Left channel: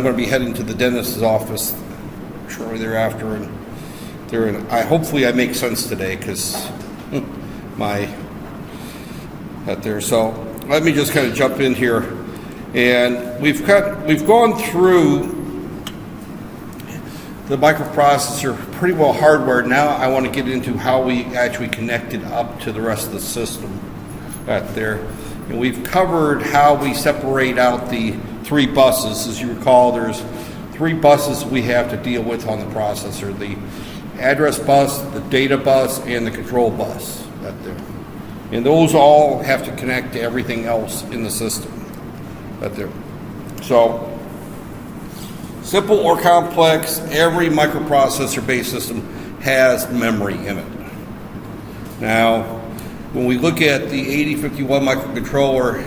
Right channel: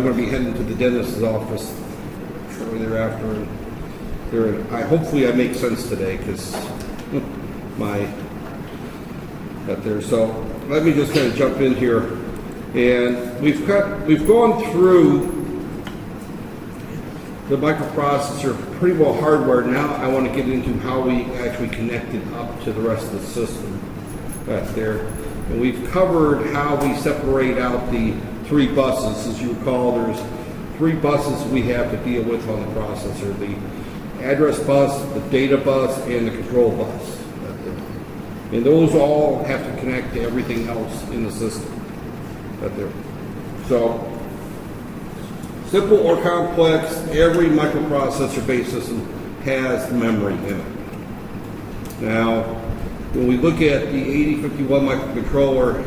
I'm going to be heading to the dentist's office shortly thereafter, and hopefully I make sense today, because So let me just kind of jump in here, and we've gone through the microprocessor pretty well hardwired. Now I want to get into how we actually connect it up to the rest of the system there. And we've covered how we separate out the 3 buses. As you recall, there's 3 buses we have to deal with on the processor: the address bus, the data bus, and the control bus. And those all have to connect to everything else in the system. So, simple or complex, every microprocessor-based system has memory in it. Now, when we look at the 8051 microcontroller,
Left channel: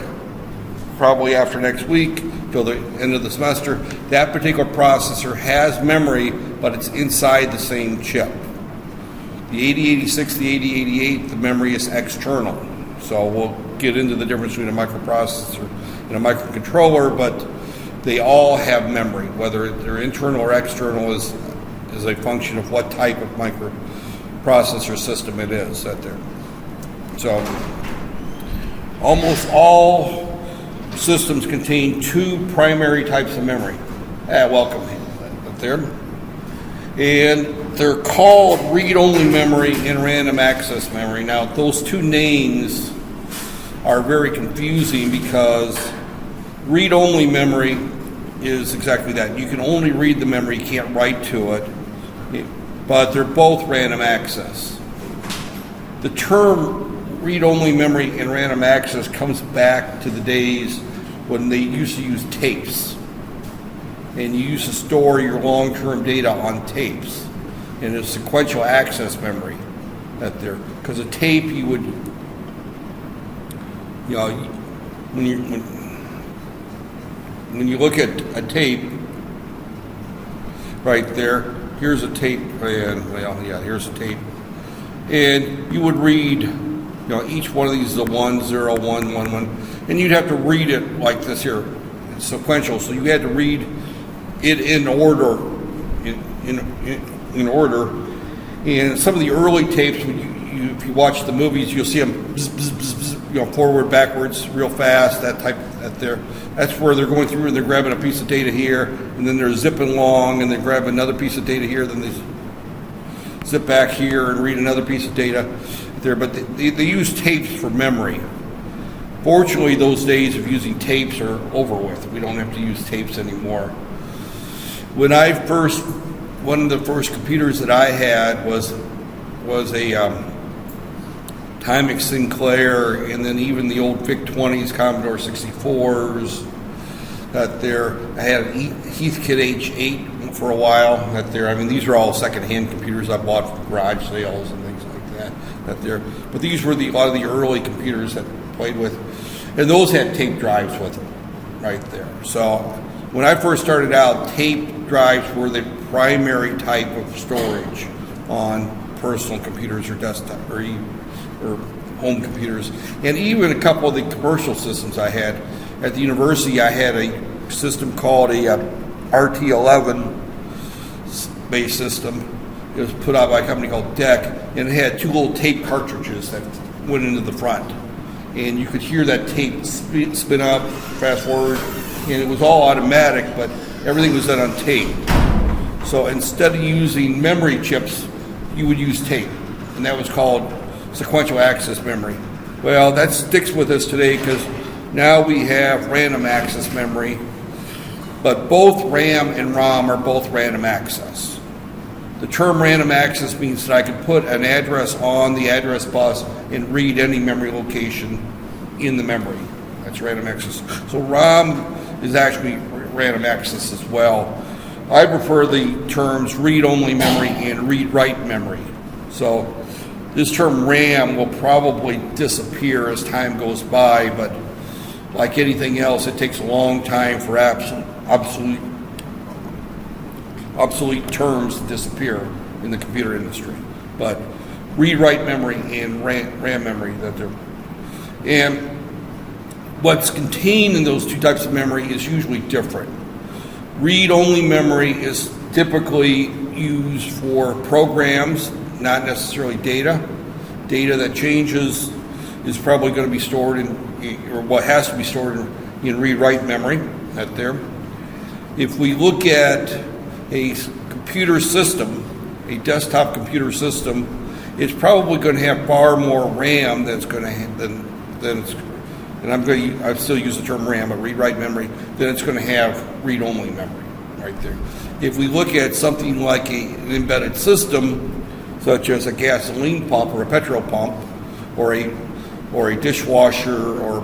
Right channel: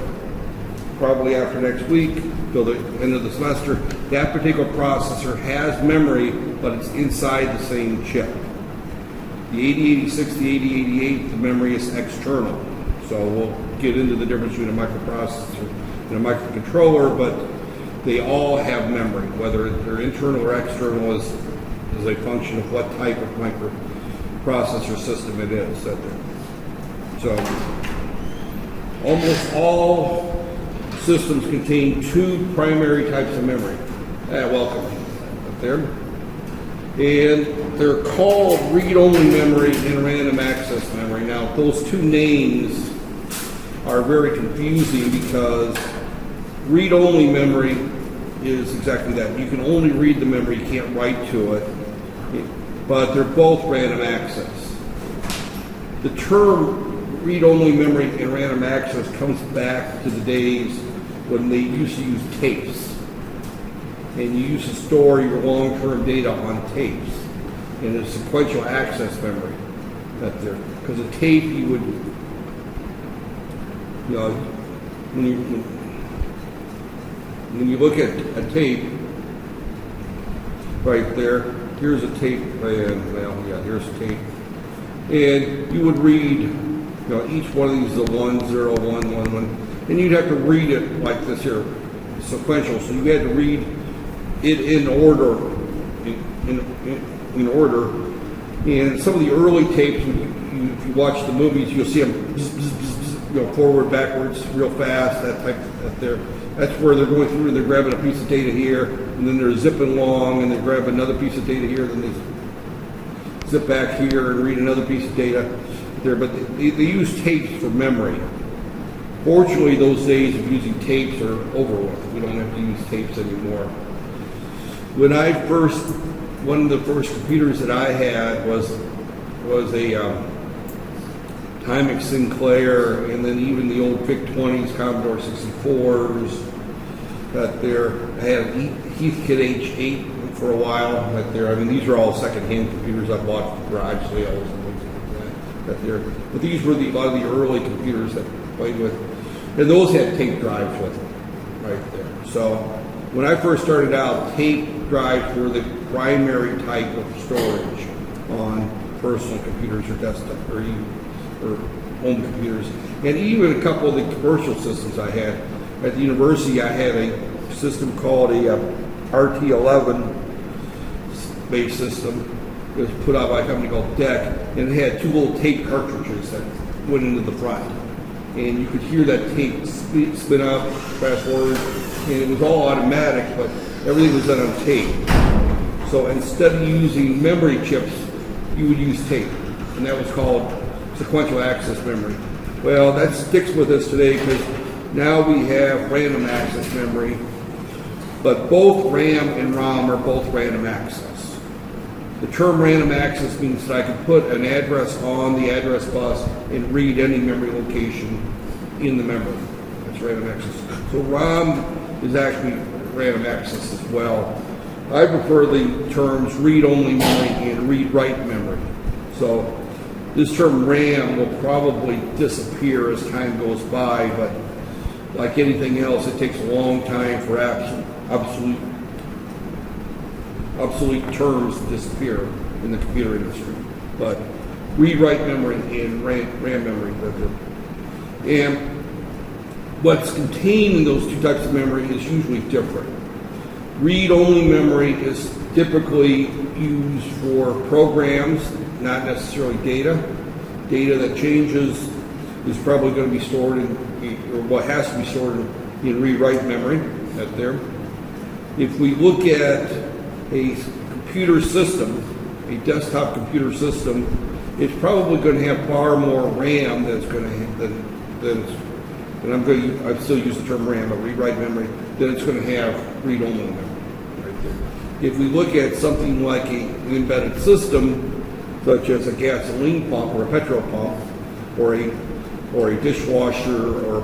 probably after next week, till the end of the semester, that particular processor has memory, but it's inside the same chip. The 8086, the 8088, the memory is external. So we'll get into the difference between a microprocessor and a microcontroller, but they all have memory. Whether they're internal or external is a function of what type of microprocessor system it is. So almost all systems contain 2 primary types of memory. Welcome there. And they're called read-only memory and random access memory. Now, those 2 names are very confusing, because read-only memory is exactly that. You can only read the memory, you can't write to it, but they're both random access. The term read-only memory and random access comes back to the days when they used to use tapes. And you used to store your long-term data on tapes. And it's sequential access memory there. Because a tape, you would, when you look at a tape, right there, here's a tape, and here's a tape. And you would read, each one of these is a 1, 0, 1, 1, 1. And you'd have to read it like this here, sequential. So you had to read it in order, in order. And some of the early tapes, if you watch the movies, you'll see them bzz, bzz, bzz, bzz, forward, backwards, real fast. That's where they're going through and they're grabbing a piece of data here, and then they're zipping along, and they grab another piece of data here, then they zip back here and read another piece of data there. But they use tapes for memory. Fortunately, those days of using tapes are over with. We don't have to use tapes anymore. One of the first computers that I had was a Timex Sinclair, and then even the old VIC-20s, Commodore 64s. I had an Heathkit H8 for a while. These are all second-hand computers I bought from garage sales and things like that. But these were a lot of the early computers that I played with, and those had tape drives with them, right there. So when I first started out, tape drives were the primary type of storage on personal computers or desktop or home computers. And even a couple of the commercial systems I had. At the university, I had a system called a RT11 based system. It was put out by a company called DEC, and it had 2 little tape cartridges that went into the front. And you could hear that tape spin up, fast forward, and it was all automatic, but everything was done on tape. So instead of using memory chips, you would use tape, and that was called sequential access memory. Well, that sticks with us today, because now we have random access memory, but both RAM and ROM are both random access. The term random access means that I can put an address on the address bus and read any memory location in the memory. That's random access. So ROM is actually random access as well. I prefer the terms read-only memory and read-write memory. So this term RAM will probably disappear as time goes by, but like anything else, it takes a long time for obsolete terms to disappear in the computer industry. But read-write memory and RAM memory, and what's contained in those 2 types of memory is usually different. Read-only memory is typically used for programs, not necessarily data. Data that changes is probably going to be stored in, or what has to be stored in read-write memory right there. If we look at a computer system, a desktop computer system, it's probably going to have far more RAM than it's going to and I still use the term RAM, but read-write memory, then it's going to have read-only memory right there. If we look at something like an embedded system, such as a gasoline pump or a petrol pump, or a dishwasher or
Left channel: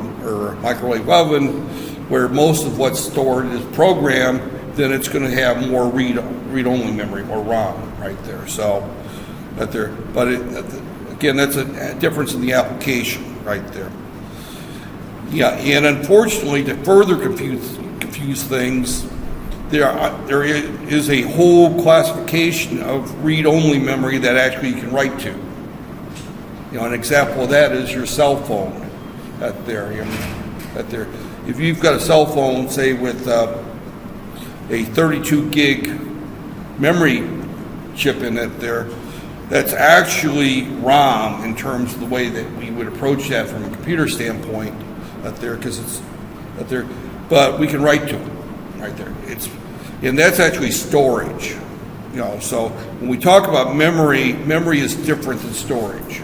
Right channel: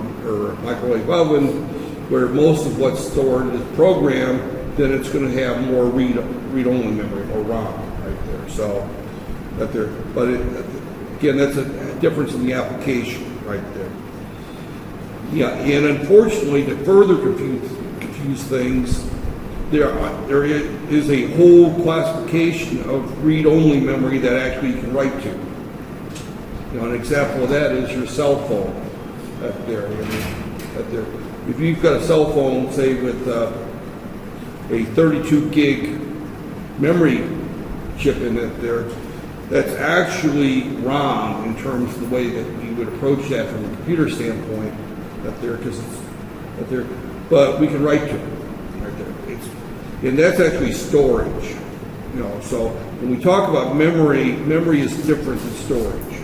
a microwave oven, where most of what's stored is programmed, then it's going to have more read-only memory or RAM right there. So, again, that's a difference in the application right there. Yeah, and unfortunately, to further confuse things, there is a whole classification of read-only memory that actually you can write to. An example of that is your cell phone. If you've got a cell phone, say with a 32 gig memory chip in it there, that's actually ROM in terms of the way that we would approach that from a computer standpoint. But we can write to it right there. And that's actually storage. So when we talk about memory is different than storage.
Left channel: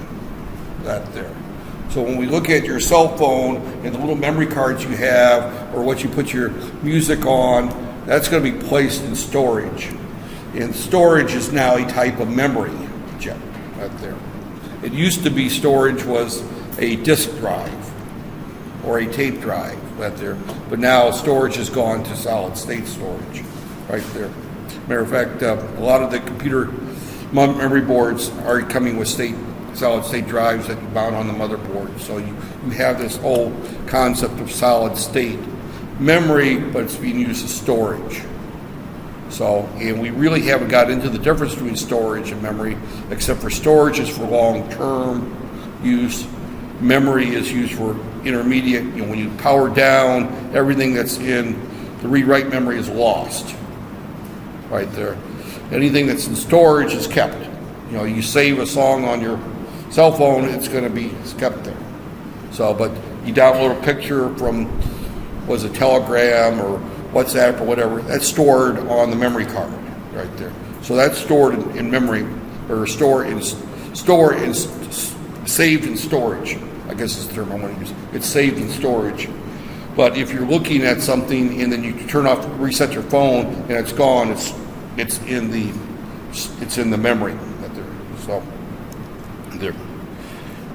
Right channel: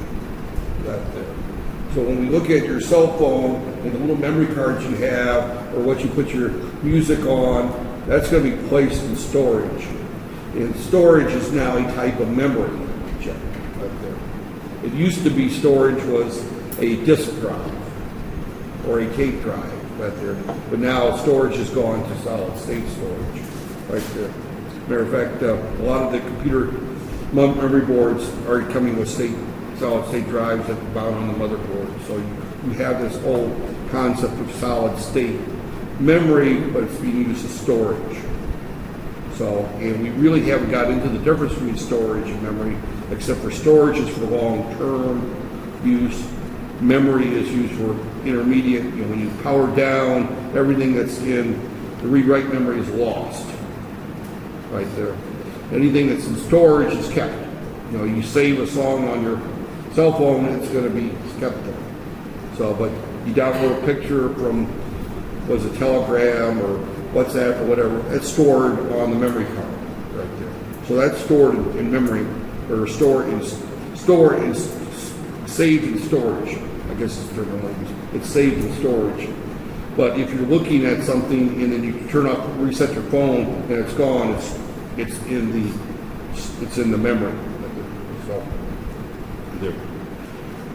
So when we look at your cell phone and the little memory cards you have, or what you put your music on, that's going to be placed in storage. And storage is now a type of memory chip right there. It used to be storage was a disk drive or a tape drive right there, but now storage has gone to solid state storage right there. Matter of fact, a lot of the computer memory boards are coming with solid state drives that you mount on the motherboard. So you have this whole concept of solid state memory, but it's being used as storage. So, and we really haven't got into the difference between storage and memory, except for storage is for long-term use. Memory is used for intermediate. When you power down, everything that's in the read-write memory is lost right there. Anything that's in storage is kept. You save a song on your cell phone, it's kept there. So, but you download a picture from, was a Telegram or WhatsApp or whatever, that's stored on the memory card right there. So that's stored in memory, or saved in storage, I guess is the term I'm going to use. It's saved in storage. But if you're looking at something and then you turn off, reset your phone, and it's gone, it's in the memory.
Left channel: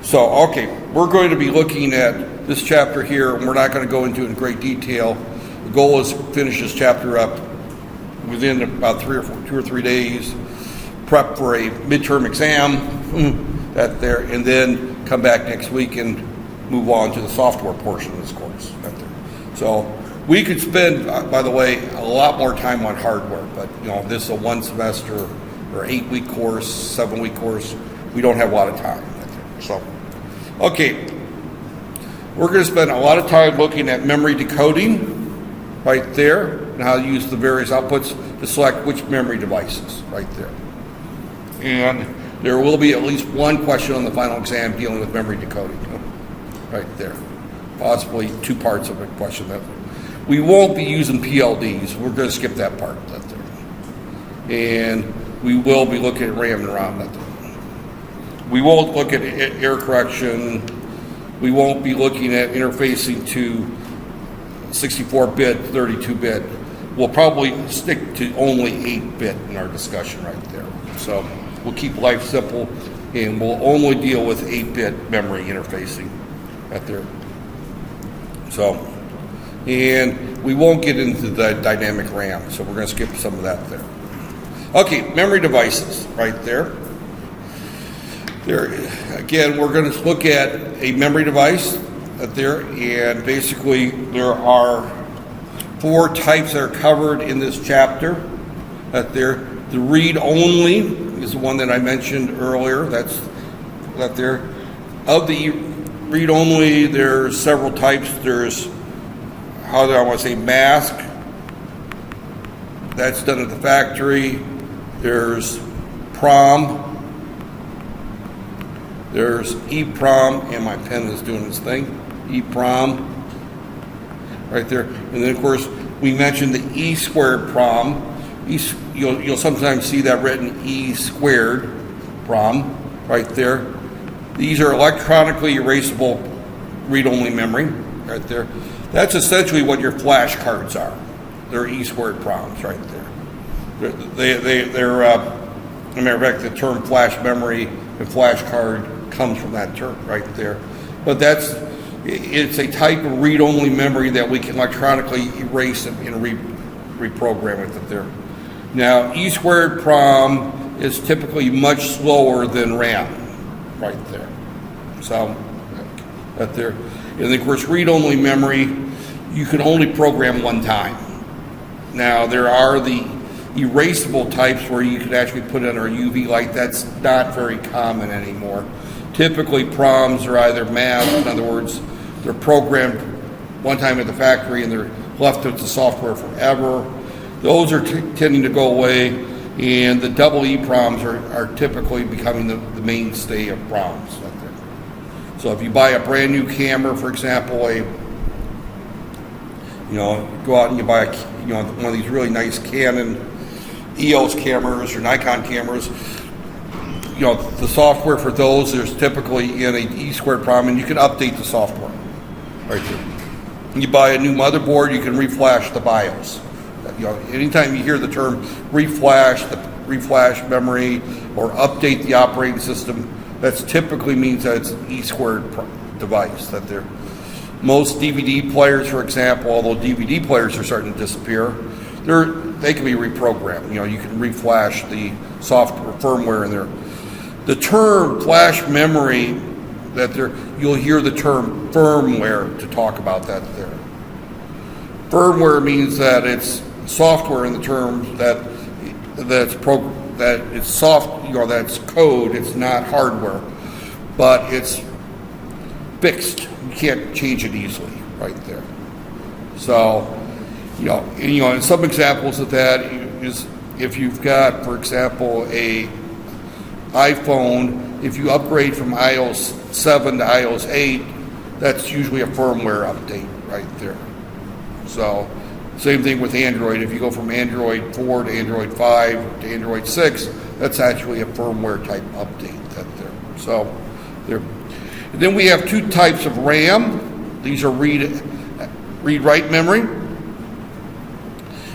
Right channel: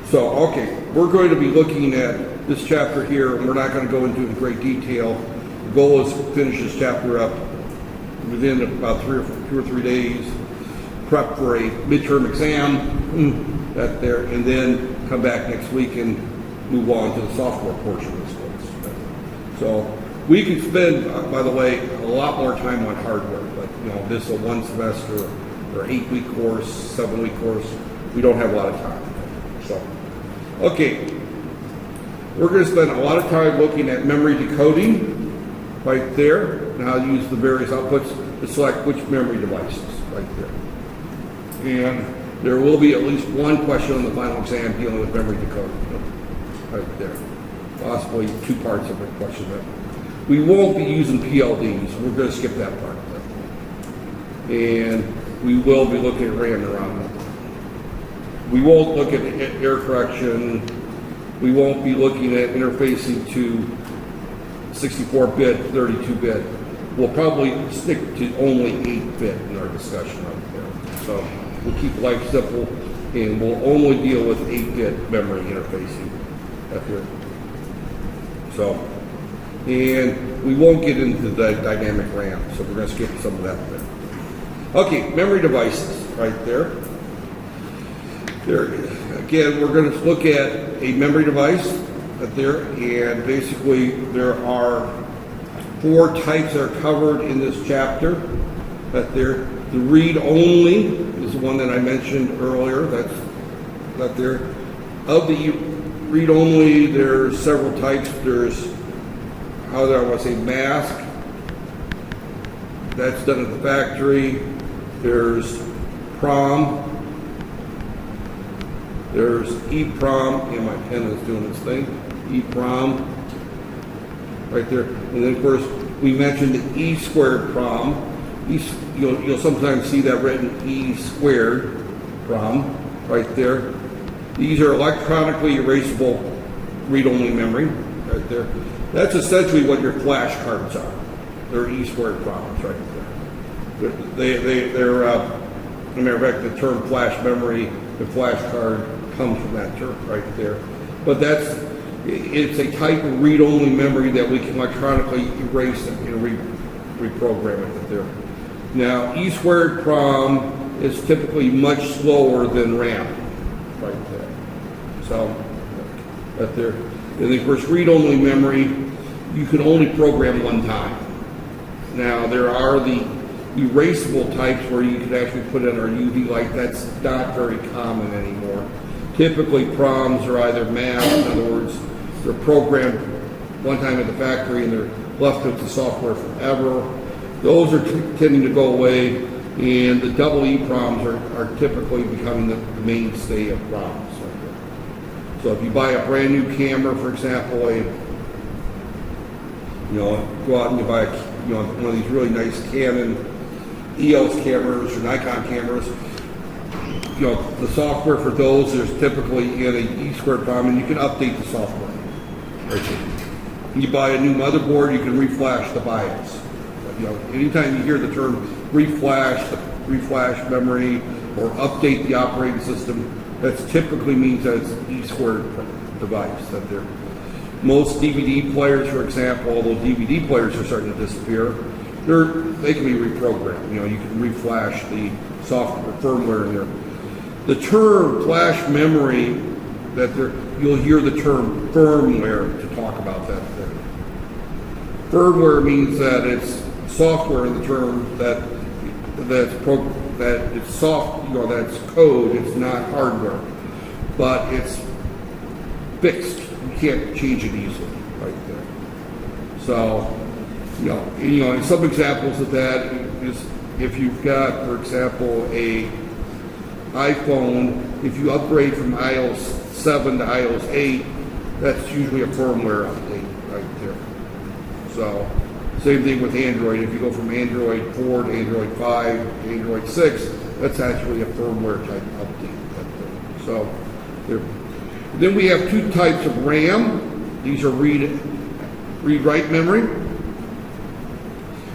So okay, we're going to be looking at this chapter here, and we're not going to go into it in great detail. The goal is to finish this chapter up within about 2 or 3 days, prep for a midterm exam and then come back next week and move on to the software portion of this course. So we could spend, by the way, a lot more time on hardware, but this is a 1 semester or 8-week course, 7-week course. We don't have a lot of time. So, okay, we're going to spend a lot of time looking at memory decoding right there, and how to use the various outputs to select which memory devices right there. And there will be at least one question on the final exam dealing with memory decoding right there. Possibly 2 parts of the question. We won't be using PLDs. We're going to skip that part. And we will be looking at RAM and ROM. We won't look at error correction. We won't be looking at interfacing to 64-bit, 32-bit. We'll probably stick to only 8-bit in our discussion right there. So we'll keep life simple, and we'll only deal with 8-bit memory interfacing right there. So, and we won't get into the dynamic RAM, so we're going to skip some of that there. Okay, memory devices right there. There, again, we're going to look at a memory device there, and basically there are 4 types that are covered in this chapter. There, the read-only is the one that I mentioned earlier. That's that there. Of the read-only, there's several types. There's, how do I want to say, mask, That's done at the factory. There's PROM. There's EEPROM, and my pen is doing this thing. EEPROM, right there. And then, of course, we mentioned the E squared PROM. You'll sometimes see that written E squared PROM, right there. These are electronically erasable read-only memory, right there. That's essentially what your flash cards are. They're E squared PROMs, right there. They're as a matter of fact, the term flash memory and flash card comes from that term right there. But it's a type of read-only memory that we can electronically erase and reprogram it there. Now, E squared PROM is typically much slower than RAM, right there. So, right there. And of course, read-only memory, you can only program one time. Now, there are the erasable types where you can actually put in a UV light. That's not very common anymore. Typically, PROMs are either mapped, in other words, they're programmed one time at the factory and they're left with the software forever. Those are tending to go away, and the double EEPROMs are typically becoming the mainstay of PROMs. So if you buy a brand new camera, for example, go out and you buy one of these really nice Canon EOS cameras or Nikon cameras, the software for those, there's typically in a E squared PROM, and you can update the software. Right there. When you buy a new motherboard, you can reflash the BIOS. Anytime you hear the term reflash memory, or update the operating system, that typically means that it's an E squared device. That there. Most DVD players, for example, although DVD players are starting to disappear, they can be reprogrammed. You can reflash the software firmware in there. The term flash memory, you'll hear the term firmware to talk about that there. Firmware means that it's software in the term that's that's code. It's not hardware, but it's fixed. You can't change it easily, right there. So, and some examples of that is if you've got, for example, a iPhone, if you upgrade from iOS 7 to iOS 8, that's usually a firmware update right there. So, same thing with Android. If you go from Android 4 to Android 5 to Android 6, that's actually a firmware type update right there. So, then we have two types of RAM. These are read-write memory.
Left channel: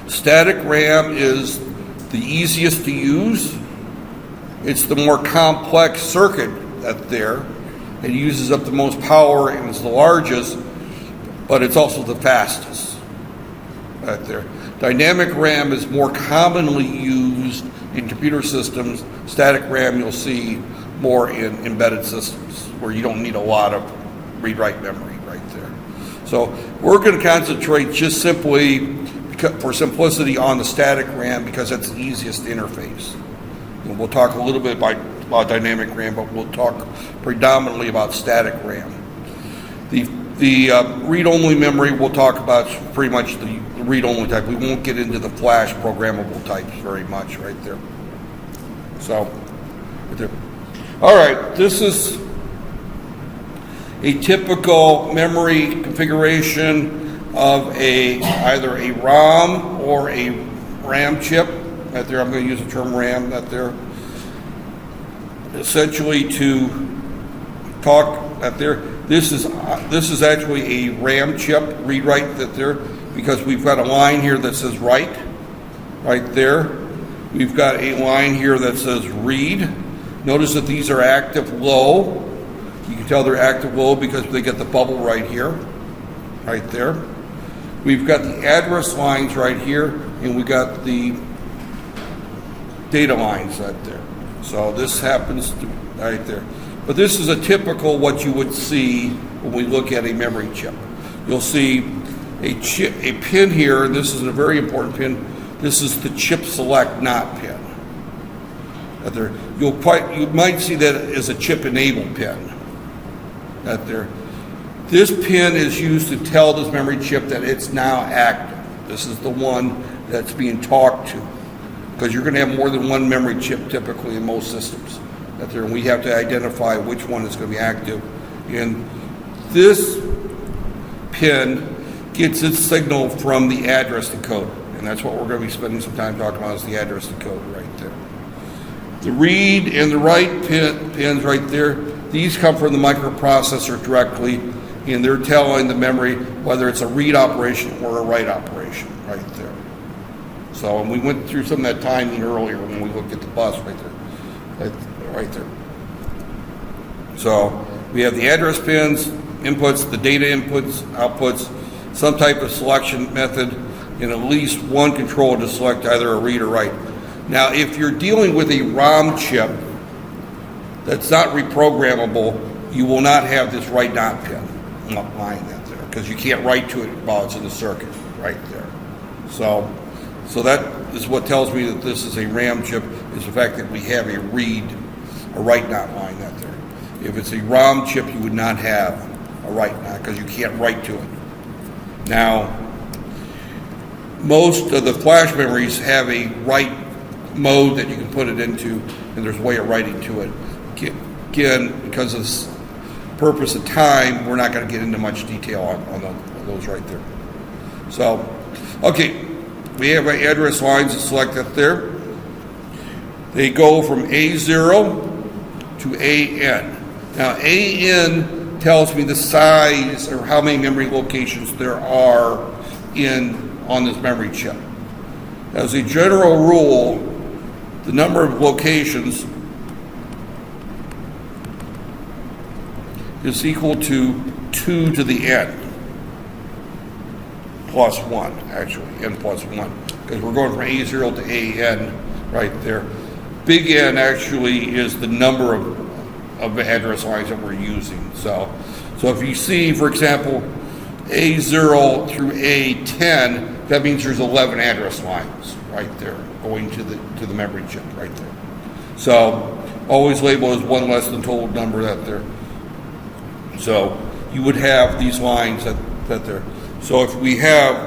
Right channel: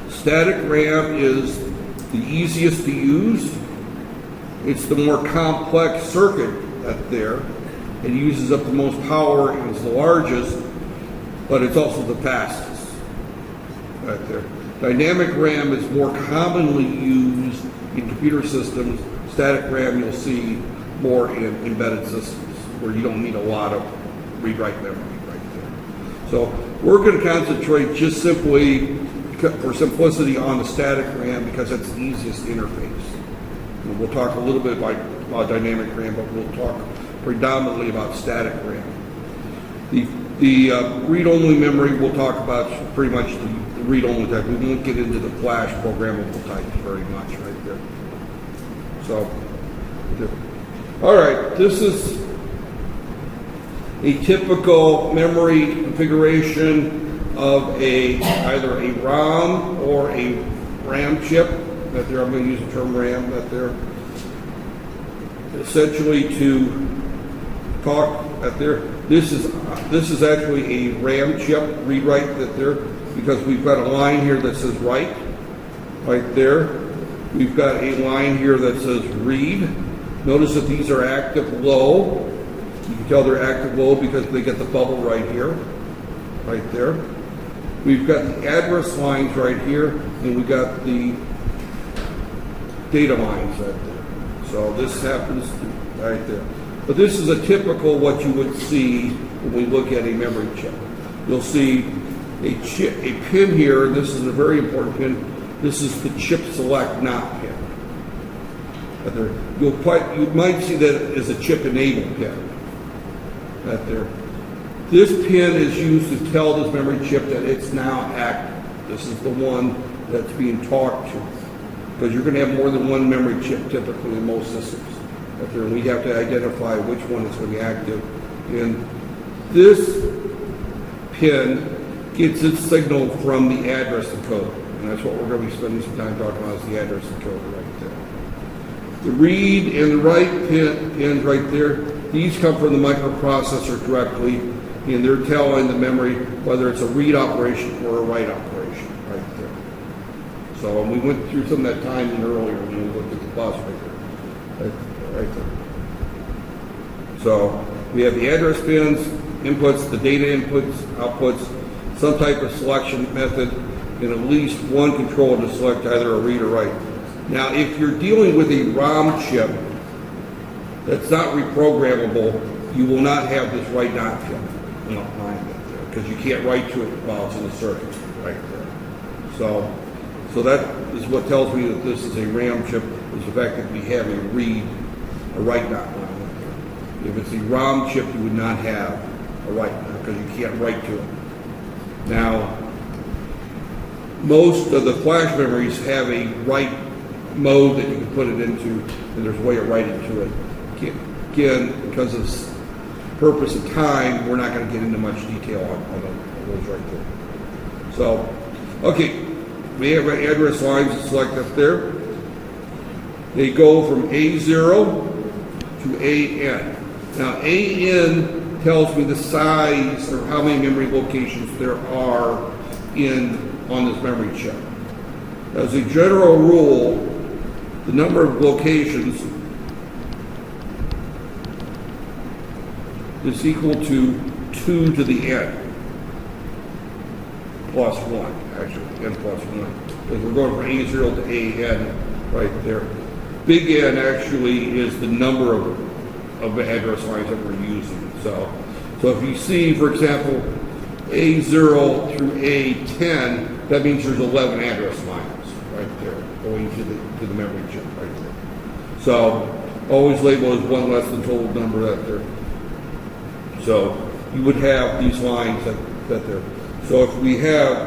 Static RAM is the easiest to use. It's the more complex circuit that's there. It uses up the most power and is the largest, but it's also the fastest. Right there. Dynamic RAM is more commonly used in computer systems. Static RAM you'll see more in embedded systems where you don't need a lot of read-write memory right there. So we're going to concentrate just simply for simplicity on the static RAM because it's the easiest interface. And we'll talk a little bit about dynamic RAM, but we'll talk predominantly about static RAM. The read-only memory we'll talk about pretty much the read-only type. We won't get into the flash programmable types very much right there. So, all right, this is a typical memory configuration of either a ROM or a RAM chip. That there, I'm going to use the term RAM. That there, essentially to talk that there. This is actually a RAM chip read-write that there, because we've got a line here that says write, right there. We've got a line here that says read. Notice that these are active low. You can tell they're active low because they get the bubble right here, right there. We've got the address lines right here, and we got the data lines right there. So this happens right there. But this is a typical what you would see when we look at a memory chip. You'll see a pin here, and this is a very important pin. This is the chip select not pin. But there, you might see that as a chip enable pin. That there. This pin is used to tell this memory chip that it's now active. This is the one that's being talked to, because you're going to have more than one memory chip typically in most systems. And we have to identify which one is going to be active. And this pin gets its signal from the address decoder, and that's what we're going to be spending some time talking about, is the address decoder right there. The read and the write pins right there, these come from the microprocessor directly, and they're telling the memory whether it's a read operation or a write operation right there. So, and we went through some of that timing earlier when we looked at the bus right there. So we have the address pins, inputs, the data inputs, outputs, some type of selection method, and at least one controller to select either a read or write. Now, if you're dealing with a ROM chip that's not reprogrammable, you will not have this write not pin line there, because you can't write to it while it's in the circuit right there. So that is what tells me that this is a RAM chip, is the fact that we have a read, a write not line out there. If it's a ROM chip, you would not have a write not, because you can't write to it. Now, most of the flash memories have a write mode that you can put it into, and there's a way of writing to it. Again, because of the purpose of time, we're not going to get into much detail on those right there. So, okay, we have our address lines to select up there. They go from A0 to AN. Now, AN tells me the size or how many memory locations there are on this memory chip. As a general rule, the number of locations is equal to 2 to the n plus 1, actually, n plus 1, because we're going from A0 to AN right there. Big N actually is the number of address lines that we're using. So if you see, for example, A0 through A10, that means there's 11 address lines right there going to the memory chip right there. So always label as one less than total number out there. So you would have these lines that there. So if we have,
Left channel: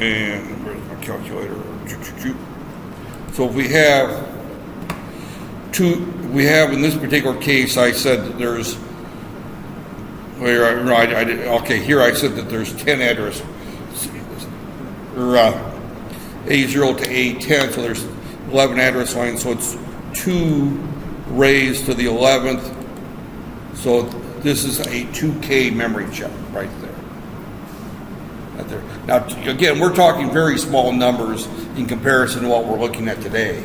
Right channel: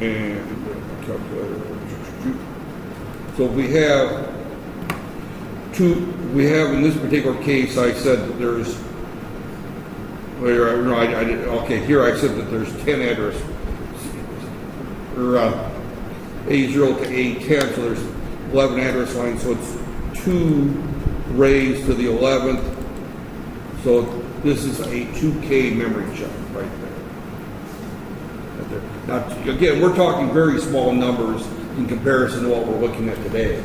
and where's my calculator? So if we have in this particular case, I said that there's, here I said that there's 10 address, or A0 to A10, so there's 11 address lines, so it's 2 raised to the 11th, so this is a 2K memory chip right there. Now, again, we're talking very small numbers in comparison to what we're looking at today.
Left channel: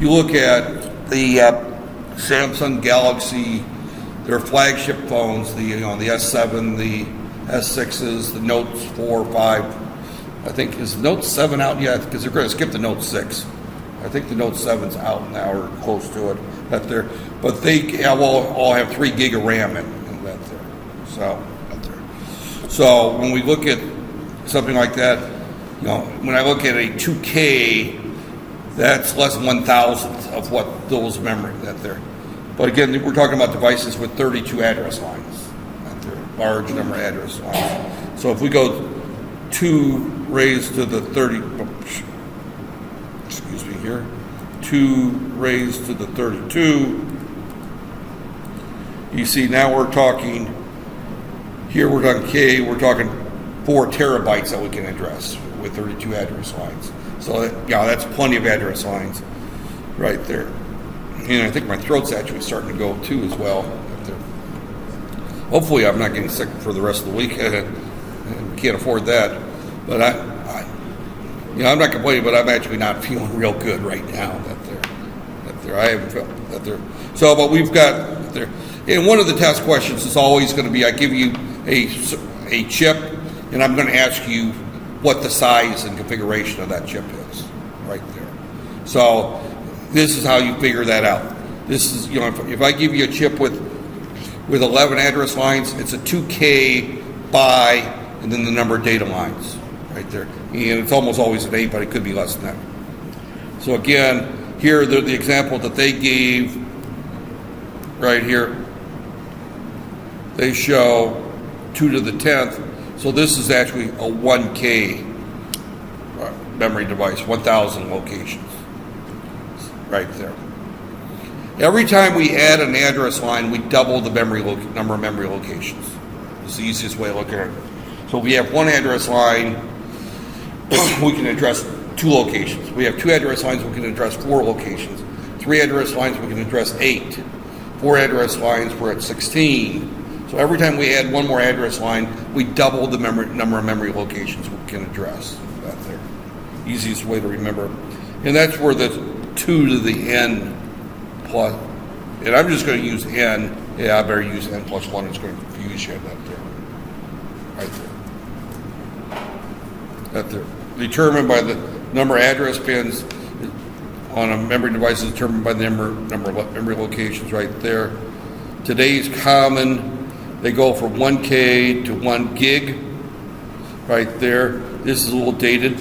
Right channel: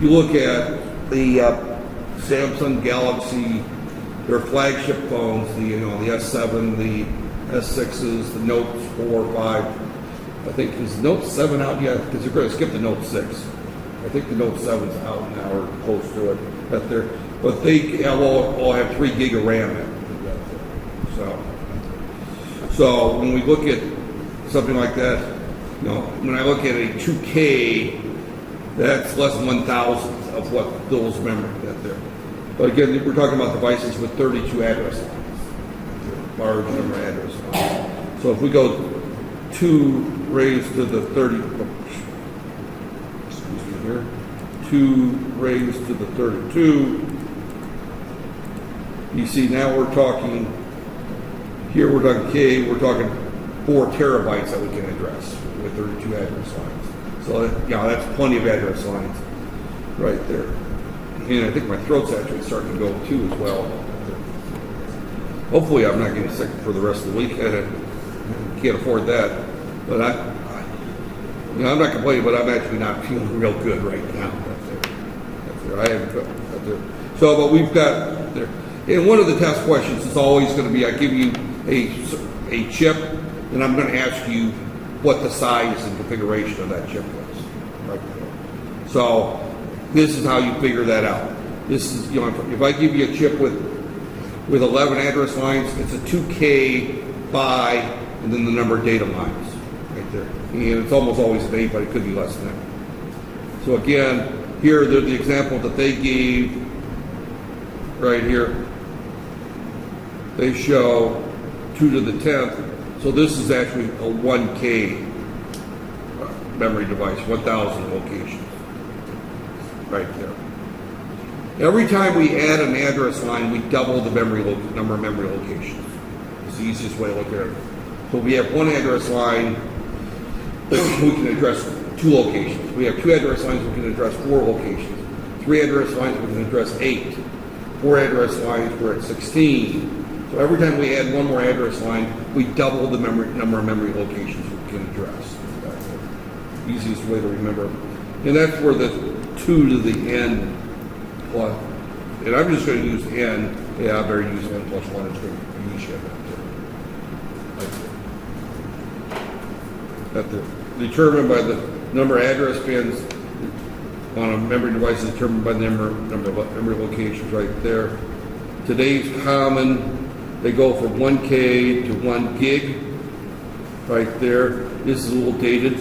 You look at the Samsung Galaxy, their flagship phones, the S7, the S6s, the Notes 4, 5. I think, is Note 7 out yet? Because they're going to skip the Note 6. I think the Note 7's out now or close to it. But they all have 3 gig of RAM in that there. So when we look at something like that, when I look at a 2K, that's less than 1,000th of what those memory that there. But again, we're talking about devices with 32 address lines, large number of address lines. So if we go 2 raised to the 30, 2 raised to the 32, you see now we're talking, here we're talking K, we're talking 4 terabytes that we can address with 32 address lines. So that's plenty of address lines right there. And I think my throat's actually starting to go too as well. Hopefully I'm not getting sick for the rest of the week. Can't afford that. But I'm not complaining, but I'm actually not feeling real good right now. I haven't felt that there. So, but we've got there. And one of the test questions is always going to be, I give you a chip, and I'm going to ask you what the size and configuration of that chip is, right there. So this is how you figure that out. This is, if I give you a chip with 11 address lines, it's a 2K by, and then the number of data lines, right there. And it's almost always an 8, but it could be less than that. So again, here the example that they gave right here, they show 2 to the 10th. So this is actually a 1K memory device, 1,000 locations, right there. Every time we add an address line, we double the number of memory locations. It's the easiest way to look at it. So if we have one address line, we can address 2 locations. We have 2 address lines, we can address 4 locations. 3 address lines, we can address 8. 4 address lines, we're at 16. So every time we add one more address line, we double the number of memory locations we can address. That's the easiest way to remember. And that's where the 2 to the n plus, and I'm just going to use n. Yeah, I better use n plus 1. It's going to confuse you. Right there. Determined by the number of address pins on a memory device is determined by the number of memory locations right there. Today's common, they go from 1K to 1 gig right there. This is a little dated.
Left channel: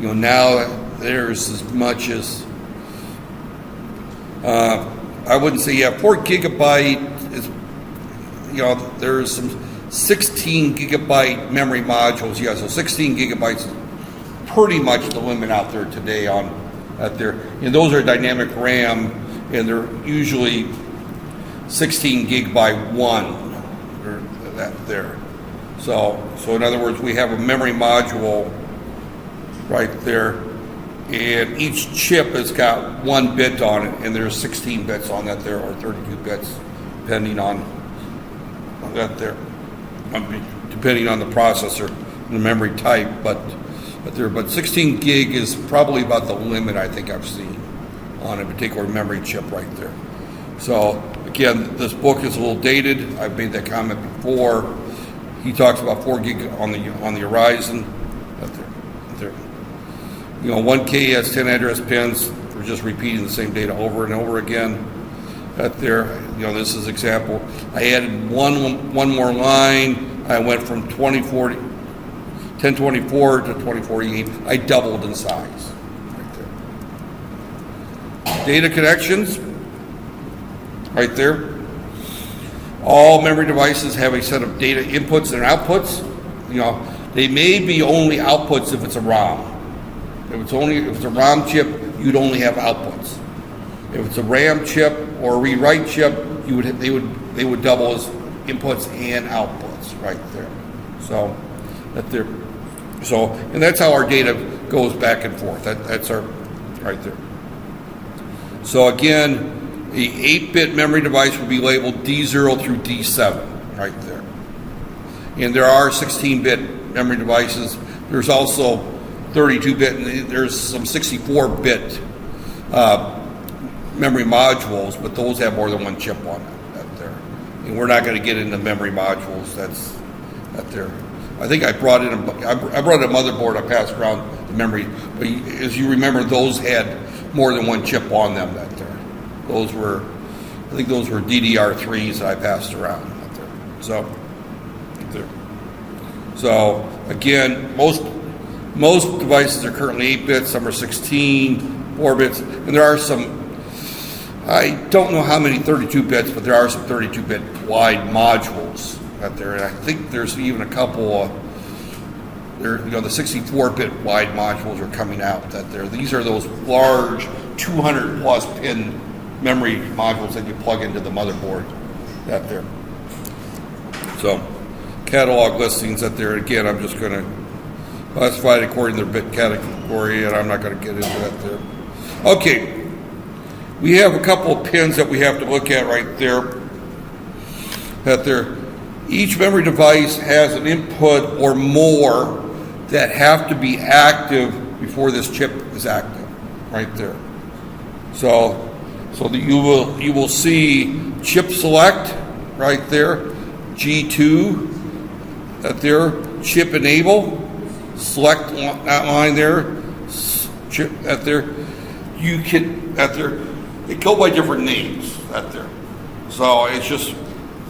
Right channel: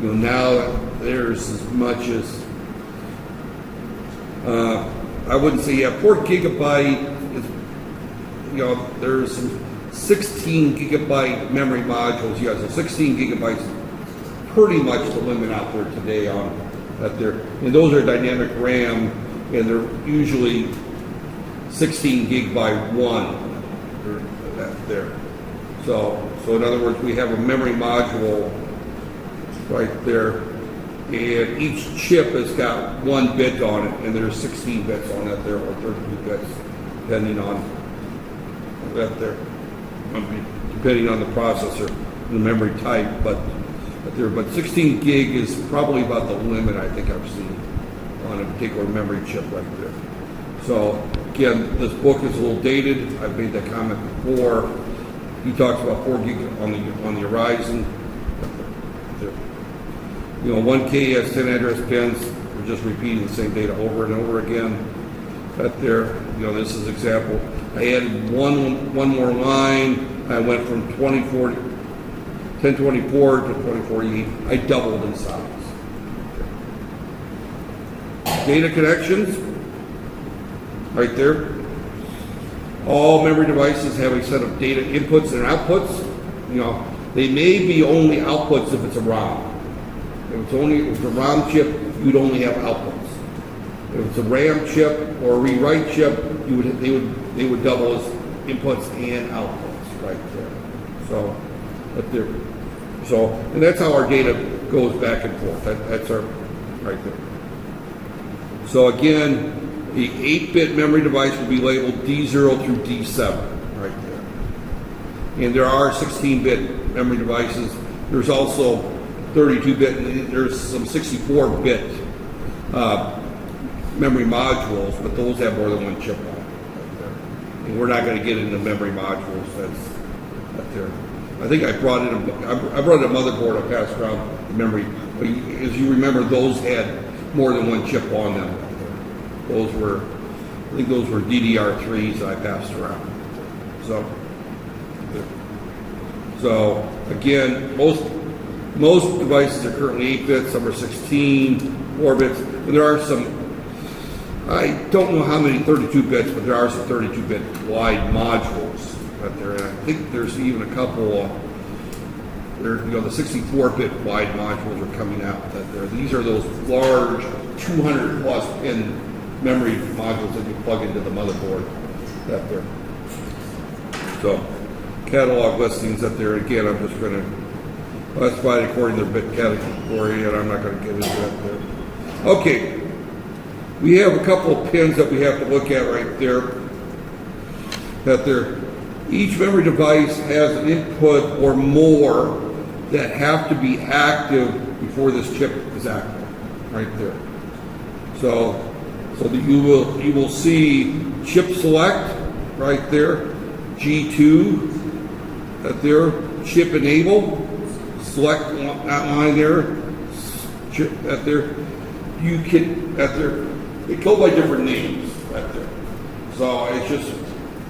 Now there's as much as, I wouldn't say, 4 gigabyte is, there's some 16 gigabyte memory modules. So 16 gigabytes is pretty much the limit out there today out there. And those are dynamic RAM, and they're usually 16 gig by 1, or that there. So in other words, we have a memory module right there, and each chip has got 1 bit on it, and there's 16 bits on that there, or 32 bits, depending on that there, depending on the processor and the memory type, but 16 gig is probably about the limit I think I've seen on a particular memory chip right there. So again, this book is a little dated. I've made that comment before. He talks about 4 gig on the horizon. There. 1K has 10 address pins. We're just repeating the same data over and over again. There, this is example. I added one more line. I went from 1024 to 2048. I doubled in size. Data connections, right there. All memory devices have a set of data inputs and outputs. They may be only outputs if it's a ROM. If it's a ROM chip, you'd only have outputs. If it's a RAM chip or a rewrite chip, they would double as inputs and outputs right there. And that's how our data goes back and forth. That's our right there. So again, the 8-bit memory device will be labeled D0 through D7 right there. And there are 16-bit memory devices. There's also 32-bit, and there's some 64-bit memory modules, but those have more than 1 chip on it right there. And we're not going to get into memory modules. That's right there. I think I brought in a motherboard. I passed around the memory. But as you remember, those had more than 1 chip on them right there. I think those were DDR3s that I passed around. So again, most devices are currently 8 bits. Some are 16, 4 bits, and there are some. I don't know how many 32 bits, but there are some 32-bit wide modules out there, and I think there's even a couple. The 64-bit wide modules are coming out. These are those large 200+ pin memory modules that you plug into the motherboard. Out there. So, catalog listings out there. Again, I'm just going to classify it according to their bit category, and I'm not going to get into that there. Okay. We have a couple of pins that we have to look at right there. Each memory device has an input or more that have to be active before this chip is active, right there. So that you will see chip select right there, G2 right there, chip enable, select that line there, chip right there. You can right there. They go by different names right there. So it's just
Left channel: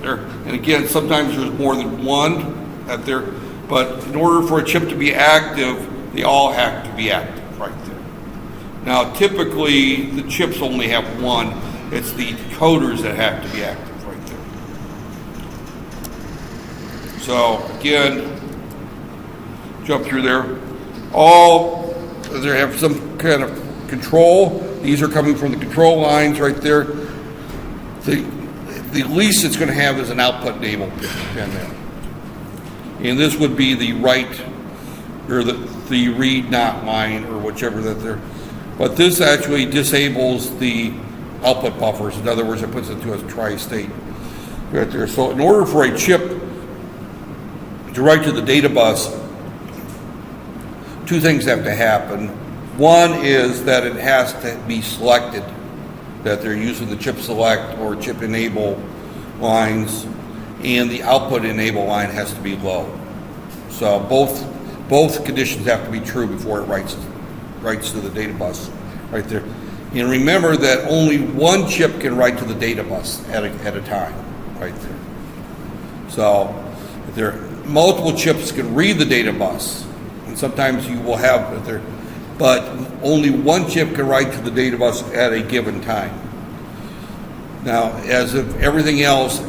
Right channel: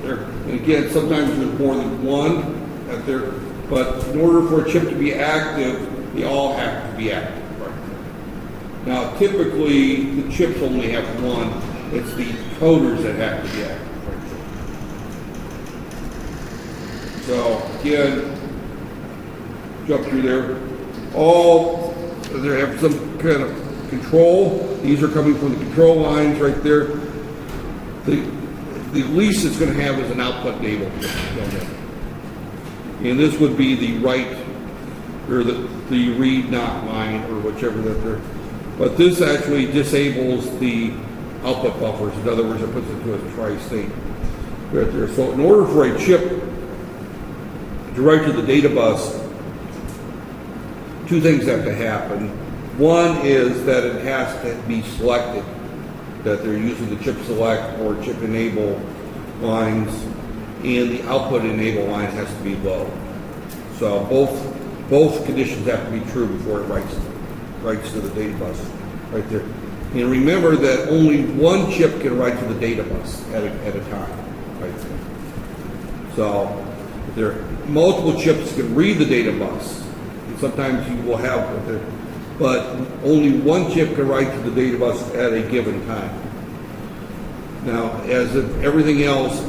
there. And again, sometimes there's more than one out there. But in order for a chip to be active, they all have to be active right there. Now, typically, the chips only have one. It's the coders that have to be active right there. So again, jump through there. All, they have some kind of control. These are coming from the control lines right there. The least it's going to have is an output enable. And this would be the write, or the read not line, or whichever that they're. But this actually disables the output buffers. In other words, it puts it into a tri-state right there. So in order for a chip to write to the data bus, two things have to happen. One is that it has to be selected, that they're using the chip select or chip enable lines, and the output enable line has to be low. So both conditions have to be true before it writes to the data bus right there. And remember that only one chip can write to the data bus at a time right there. So if there are multiple chips can read the data bus, and sometimes you will have there, but only one chip can write to the data bus at a given time. Now, as of everything else,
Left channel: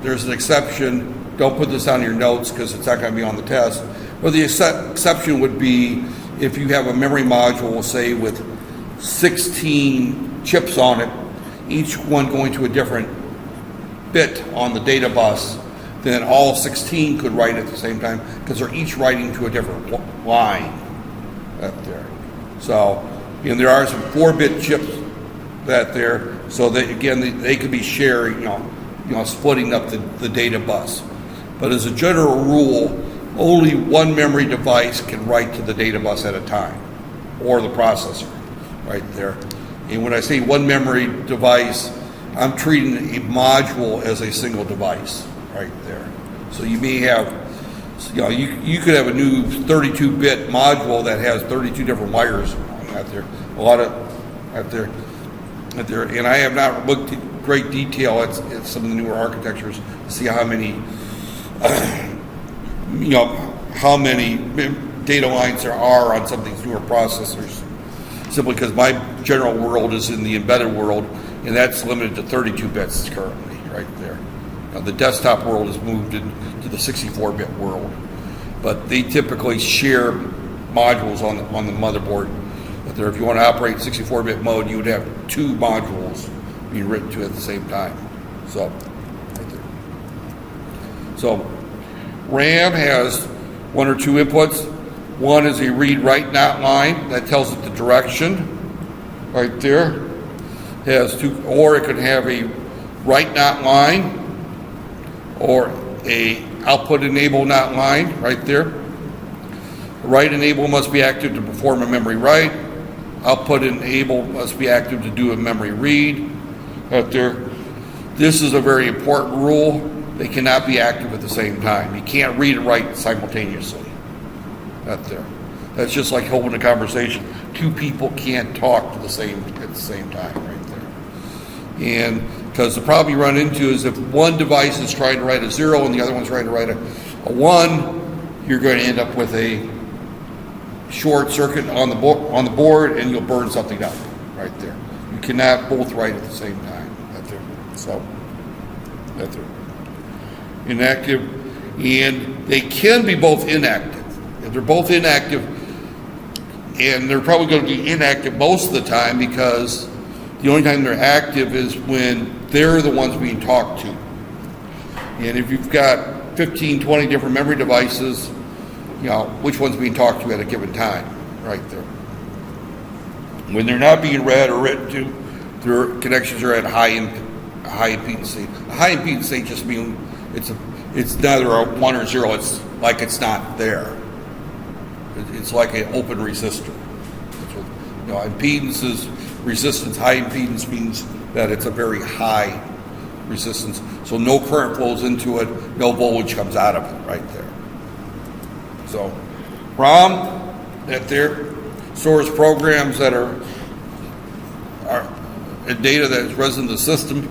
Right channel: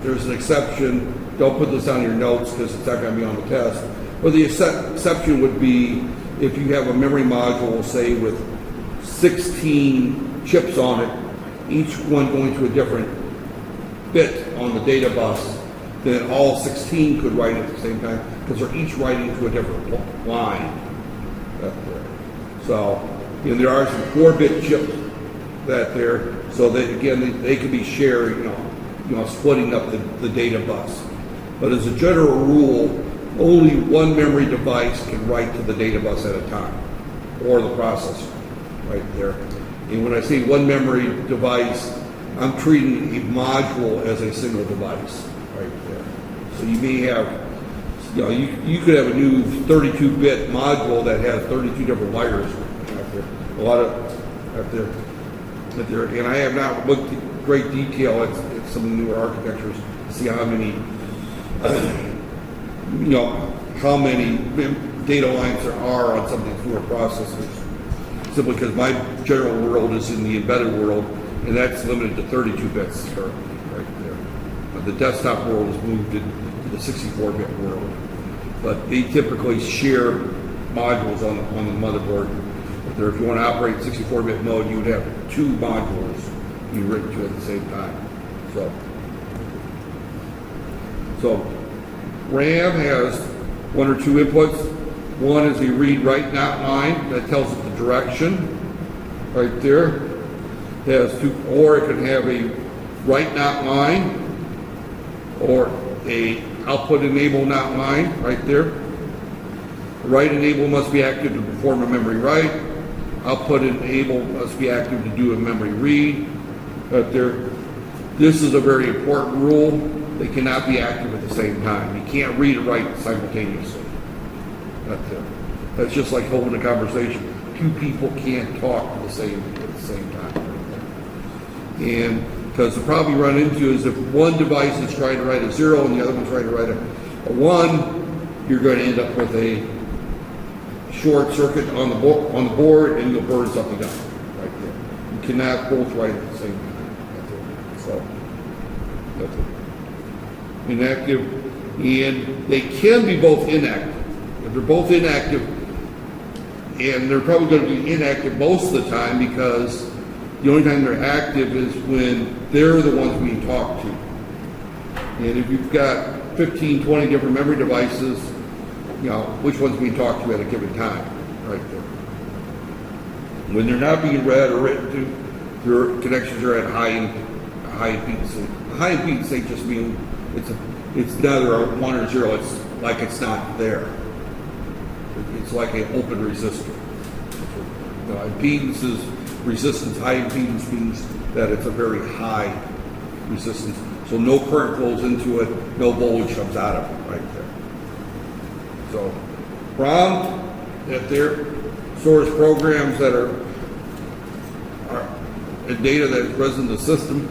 there's an exception. Don't put this on your notes because it's not going to be on the test. But the exception would be if you have a memory module, say with 16 chips on it, each one going to a different bit on the data bus, then all 16 could write at the same time because they're each writing to a different line. So, and there are some 4-bit chips that there, so that again they could be sharing, you know, splitting up the data bus. But as a general rule, only one memory device can write to the data bus at a time, or the processor, right there. And when I say one memory device, I'm treating a module as a single device, right there. So you may have, you could have a new 32-bit module that has 32 different wires out there. A lot of out there. And I have not looked at great detail at some of the newer architectures to see how many, how many data lines there are on some of these newer processors. Simply because my general world is in the embedded world, and that's limited to 32 bits currently, right there. The desktop world has moved to the 64-bit world, but they typically share modules on the motherboard. But if you want to operate 64-bit mode, you would have 2 modules being written to at the same time. So RAM has 1 or 2 inputs. One is a read-write not line that tells it the direction, right there. It has 2, or it could have a write not line, or a output enable not line, right there. Write enable must be active to perform a memory write. Output enable must be active to do a memory read, right there. This is a very important rule. They cannot be active at the same time. You can't read and write simultaneously. That's just like holding a conversation. 2 people can't talk at the same time. Right there. And because the problem you run into is if one device is trying to write a 0 and the other one's trying to write a 1, you're going to end up with a short circuit on the board, and you'll burn something up right there. You cannot both write at the same time. Right there. So that's inactive, and they can be both inactive. If they're both inactive, and they're probably going to be inactive most of the time because the only time they're active is when they're the ones being talked to. And if you've got 15, 20 different memory devices, which one's being talked to at a given time, right there. When they're not being read or written to, their connections are at high impedance state. High impedance state just means it's neither a 1 or 0. It's like it's not there. It's like an open resistor. Impedance is resistance. High impedance means that it's a very high resistance. So no current flows into it, no voltage comes out of it right there. So ROM, that there stores programs that are data that is present in the system.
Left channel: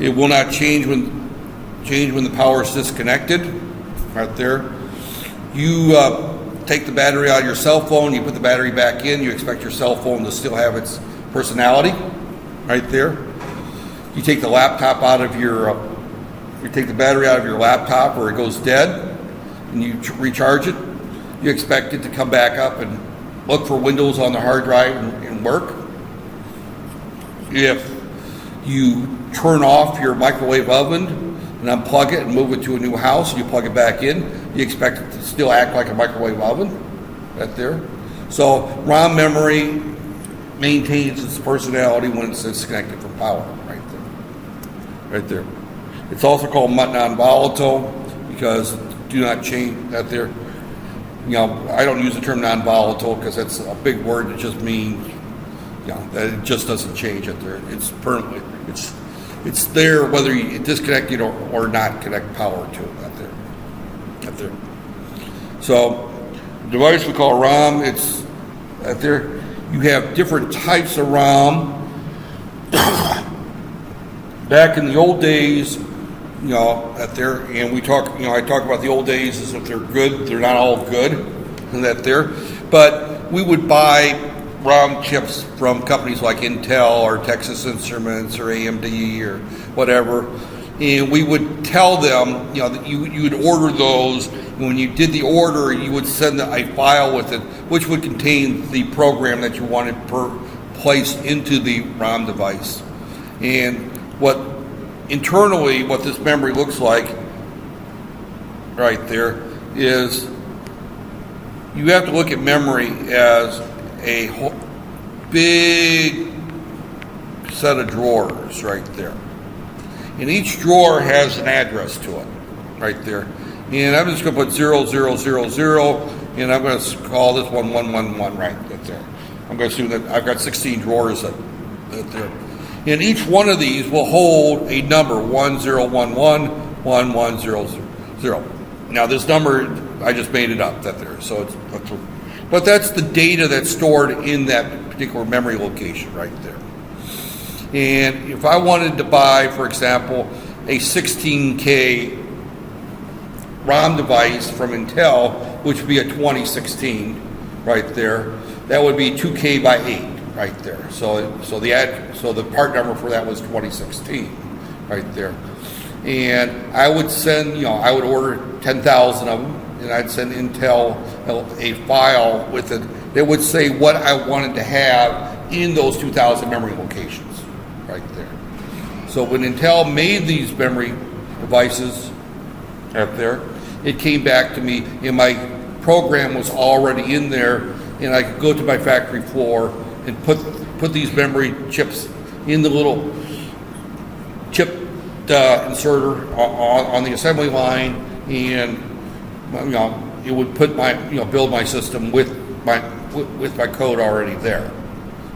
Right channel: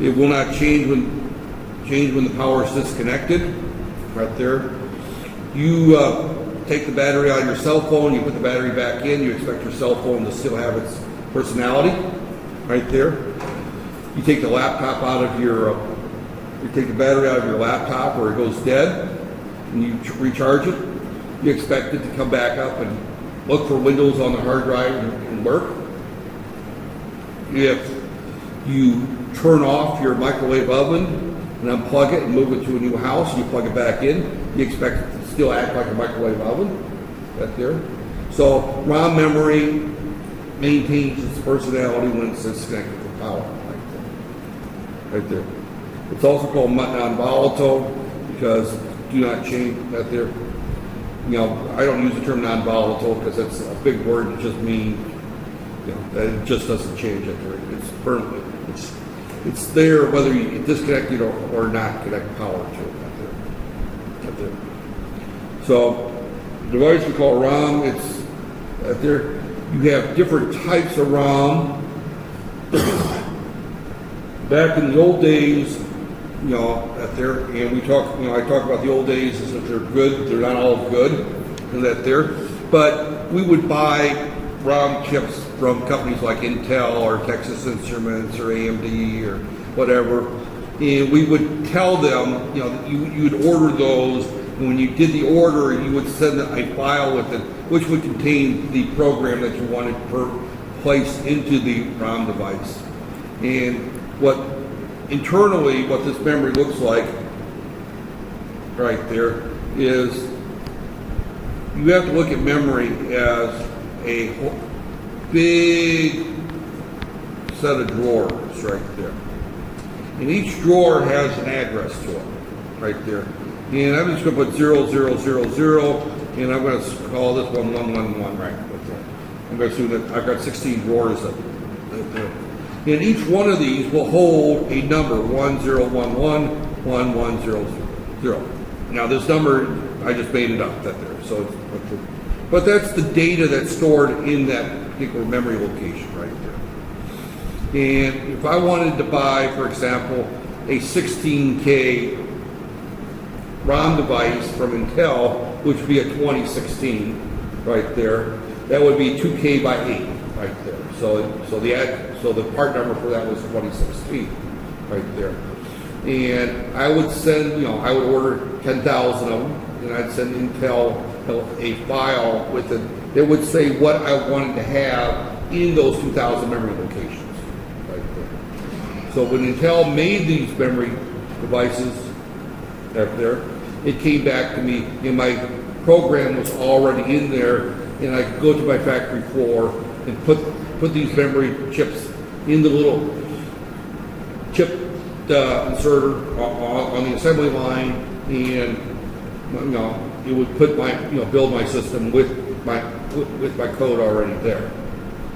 It will not change when the power is disconnected. Right there. You take the battery out of your cell phone, you put the battery back in, you expect your cell phone to still have its personality. Right there. You take the laptop out of you take the battery out of your laptop or it goes dead, and you recharge it. you expect it to come back up and look for Windows on the hard drive and work. If you turn off your microwave oven and unplug it and move it to a new house, and you plug it back in, you expect it to still act like a microwave oven. Right there. So ROM memory maintains its personality when it's disconnected from power. Right there. It's also called non-volatile because do not change that there. You know, I don't use the term non-volatile because that's a big word that just means, you know, that it just doesn't change it there. It's permanent. It's there whether you disconnect it or not connect power to it. Right there. So the device we call ROM, it's right there. You have different types of ROM. Back in the old days, you know, that there, and we talk, you know, I talk about the old days as if they're good. They're not all good, and that there. But we would buy ROM chips from companies like Intel or Texas Instruments or AMD or whatever, and we would tell them, you know, that you would order those. And when you did the order, you would send a file with it, which would contain the program that you wanted placed into the ROM device. And internally, what this memory looks like, right there, is you have to look at memory as a big set of drawers, right there. And each drawer has an address to it, right there. And I'm just going to put 0000, and I'm going to call this one 111 right there. I'm going to assume that I've got 16 drawers right there. And each one of these will hold a number, 1011 1100. Now this number, I just made it up, that there. So but that's the data that's stored in that particular memory location right there. And if I wanted to buy, for example, a 16K ROM device from Intel, which would be a 2016 right there, that would be 2K by 8 right there. So the part number for that was 2016 right there. And I would send, you know, I would order 10,000 of them, and I'd send Intel a file with it that would say what I wanted to have in those 2,000 memory locations right there. So when Intel made these memory devices up there, it came back to me, and my program was already in there, and I could go to my factory floor and put these memory chips in the little chip inserter on the assembly line, and you know, it would put my, you know, build my system with my code already there.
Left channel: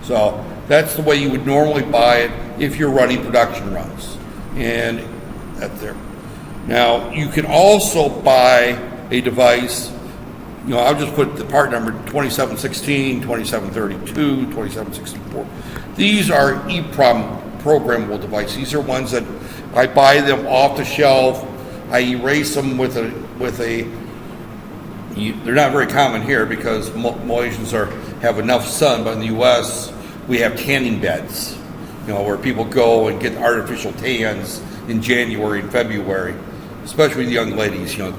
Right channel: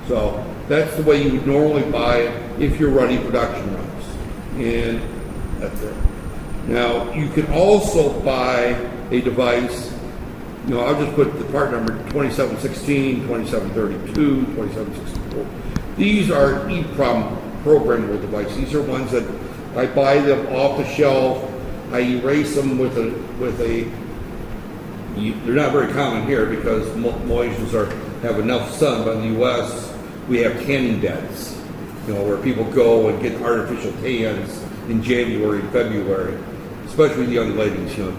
So that's the way you would normally buy it if you're running production runs, and that's there. Now you can also buy a device. You know, I'll just put the part number 2716, 2732, 2764. These are EEPROM programmable devices. These are ones that I buy them off the shelf. I erase them with a. They're not very common here because Malaysians have enough sun, but in the U.S. we have tanning beds. You know, where people go and get artificial tans in January and February, especially the young ladies. You know,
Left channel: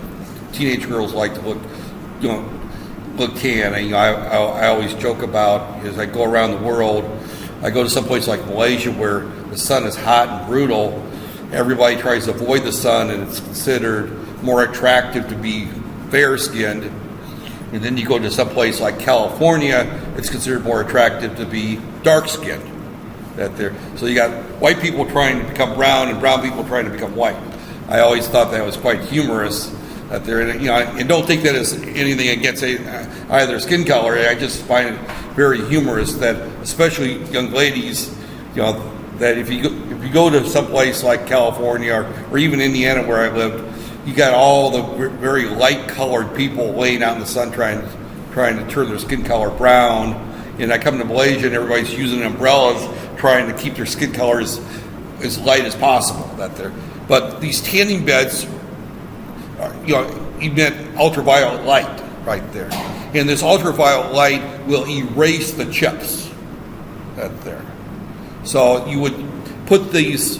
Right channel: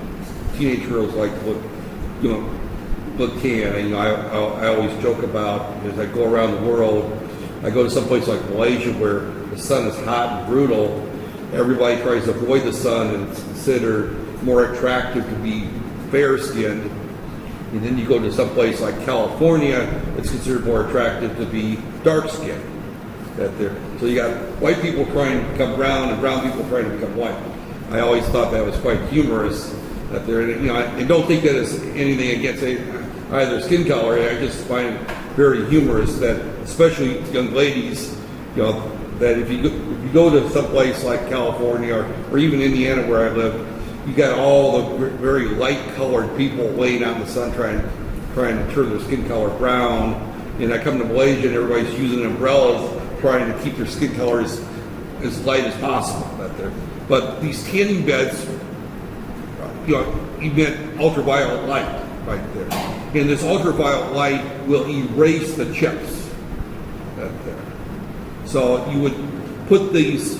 teenage girls like to look tan. And, you know, I always joke about, as I go around the world, I go to some place like Malaysia where the sun is hot and brutal. Everybody tries to avoid the sun, and it's considered more attractive to be fair-skinned. And then you go to some place like California, it's considered more attractive to be dark-skinned. So you got white people trying to become brown and brown people trying to become white. I always thought that was quite humorous. You know, and don't think that is anything against either skin color. I just find it very humorous that, especially young ladies, you know, that if you go to some place like California or even Indiana where I live, you got all the very light-colored people laying out in the sun trying to turn their skin color brown. And I come to Malaysia and everybody's using umbrellas trying to keep their skin colors as light as possible. But these tanning beds, you know, emit ultraviolet light right there. And this ultraviolet light will erase the chips right there. So you would put these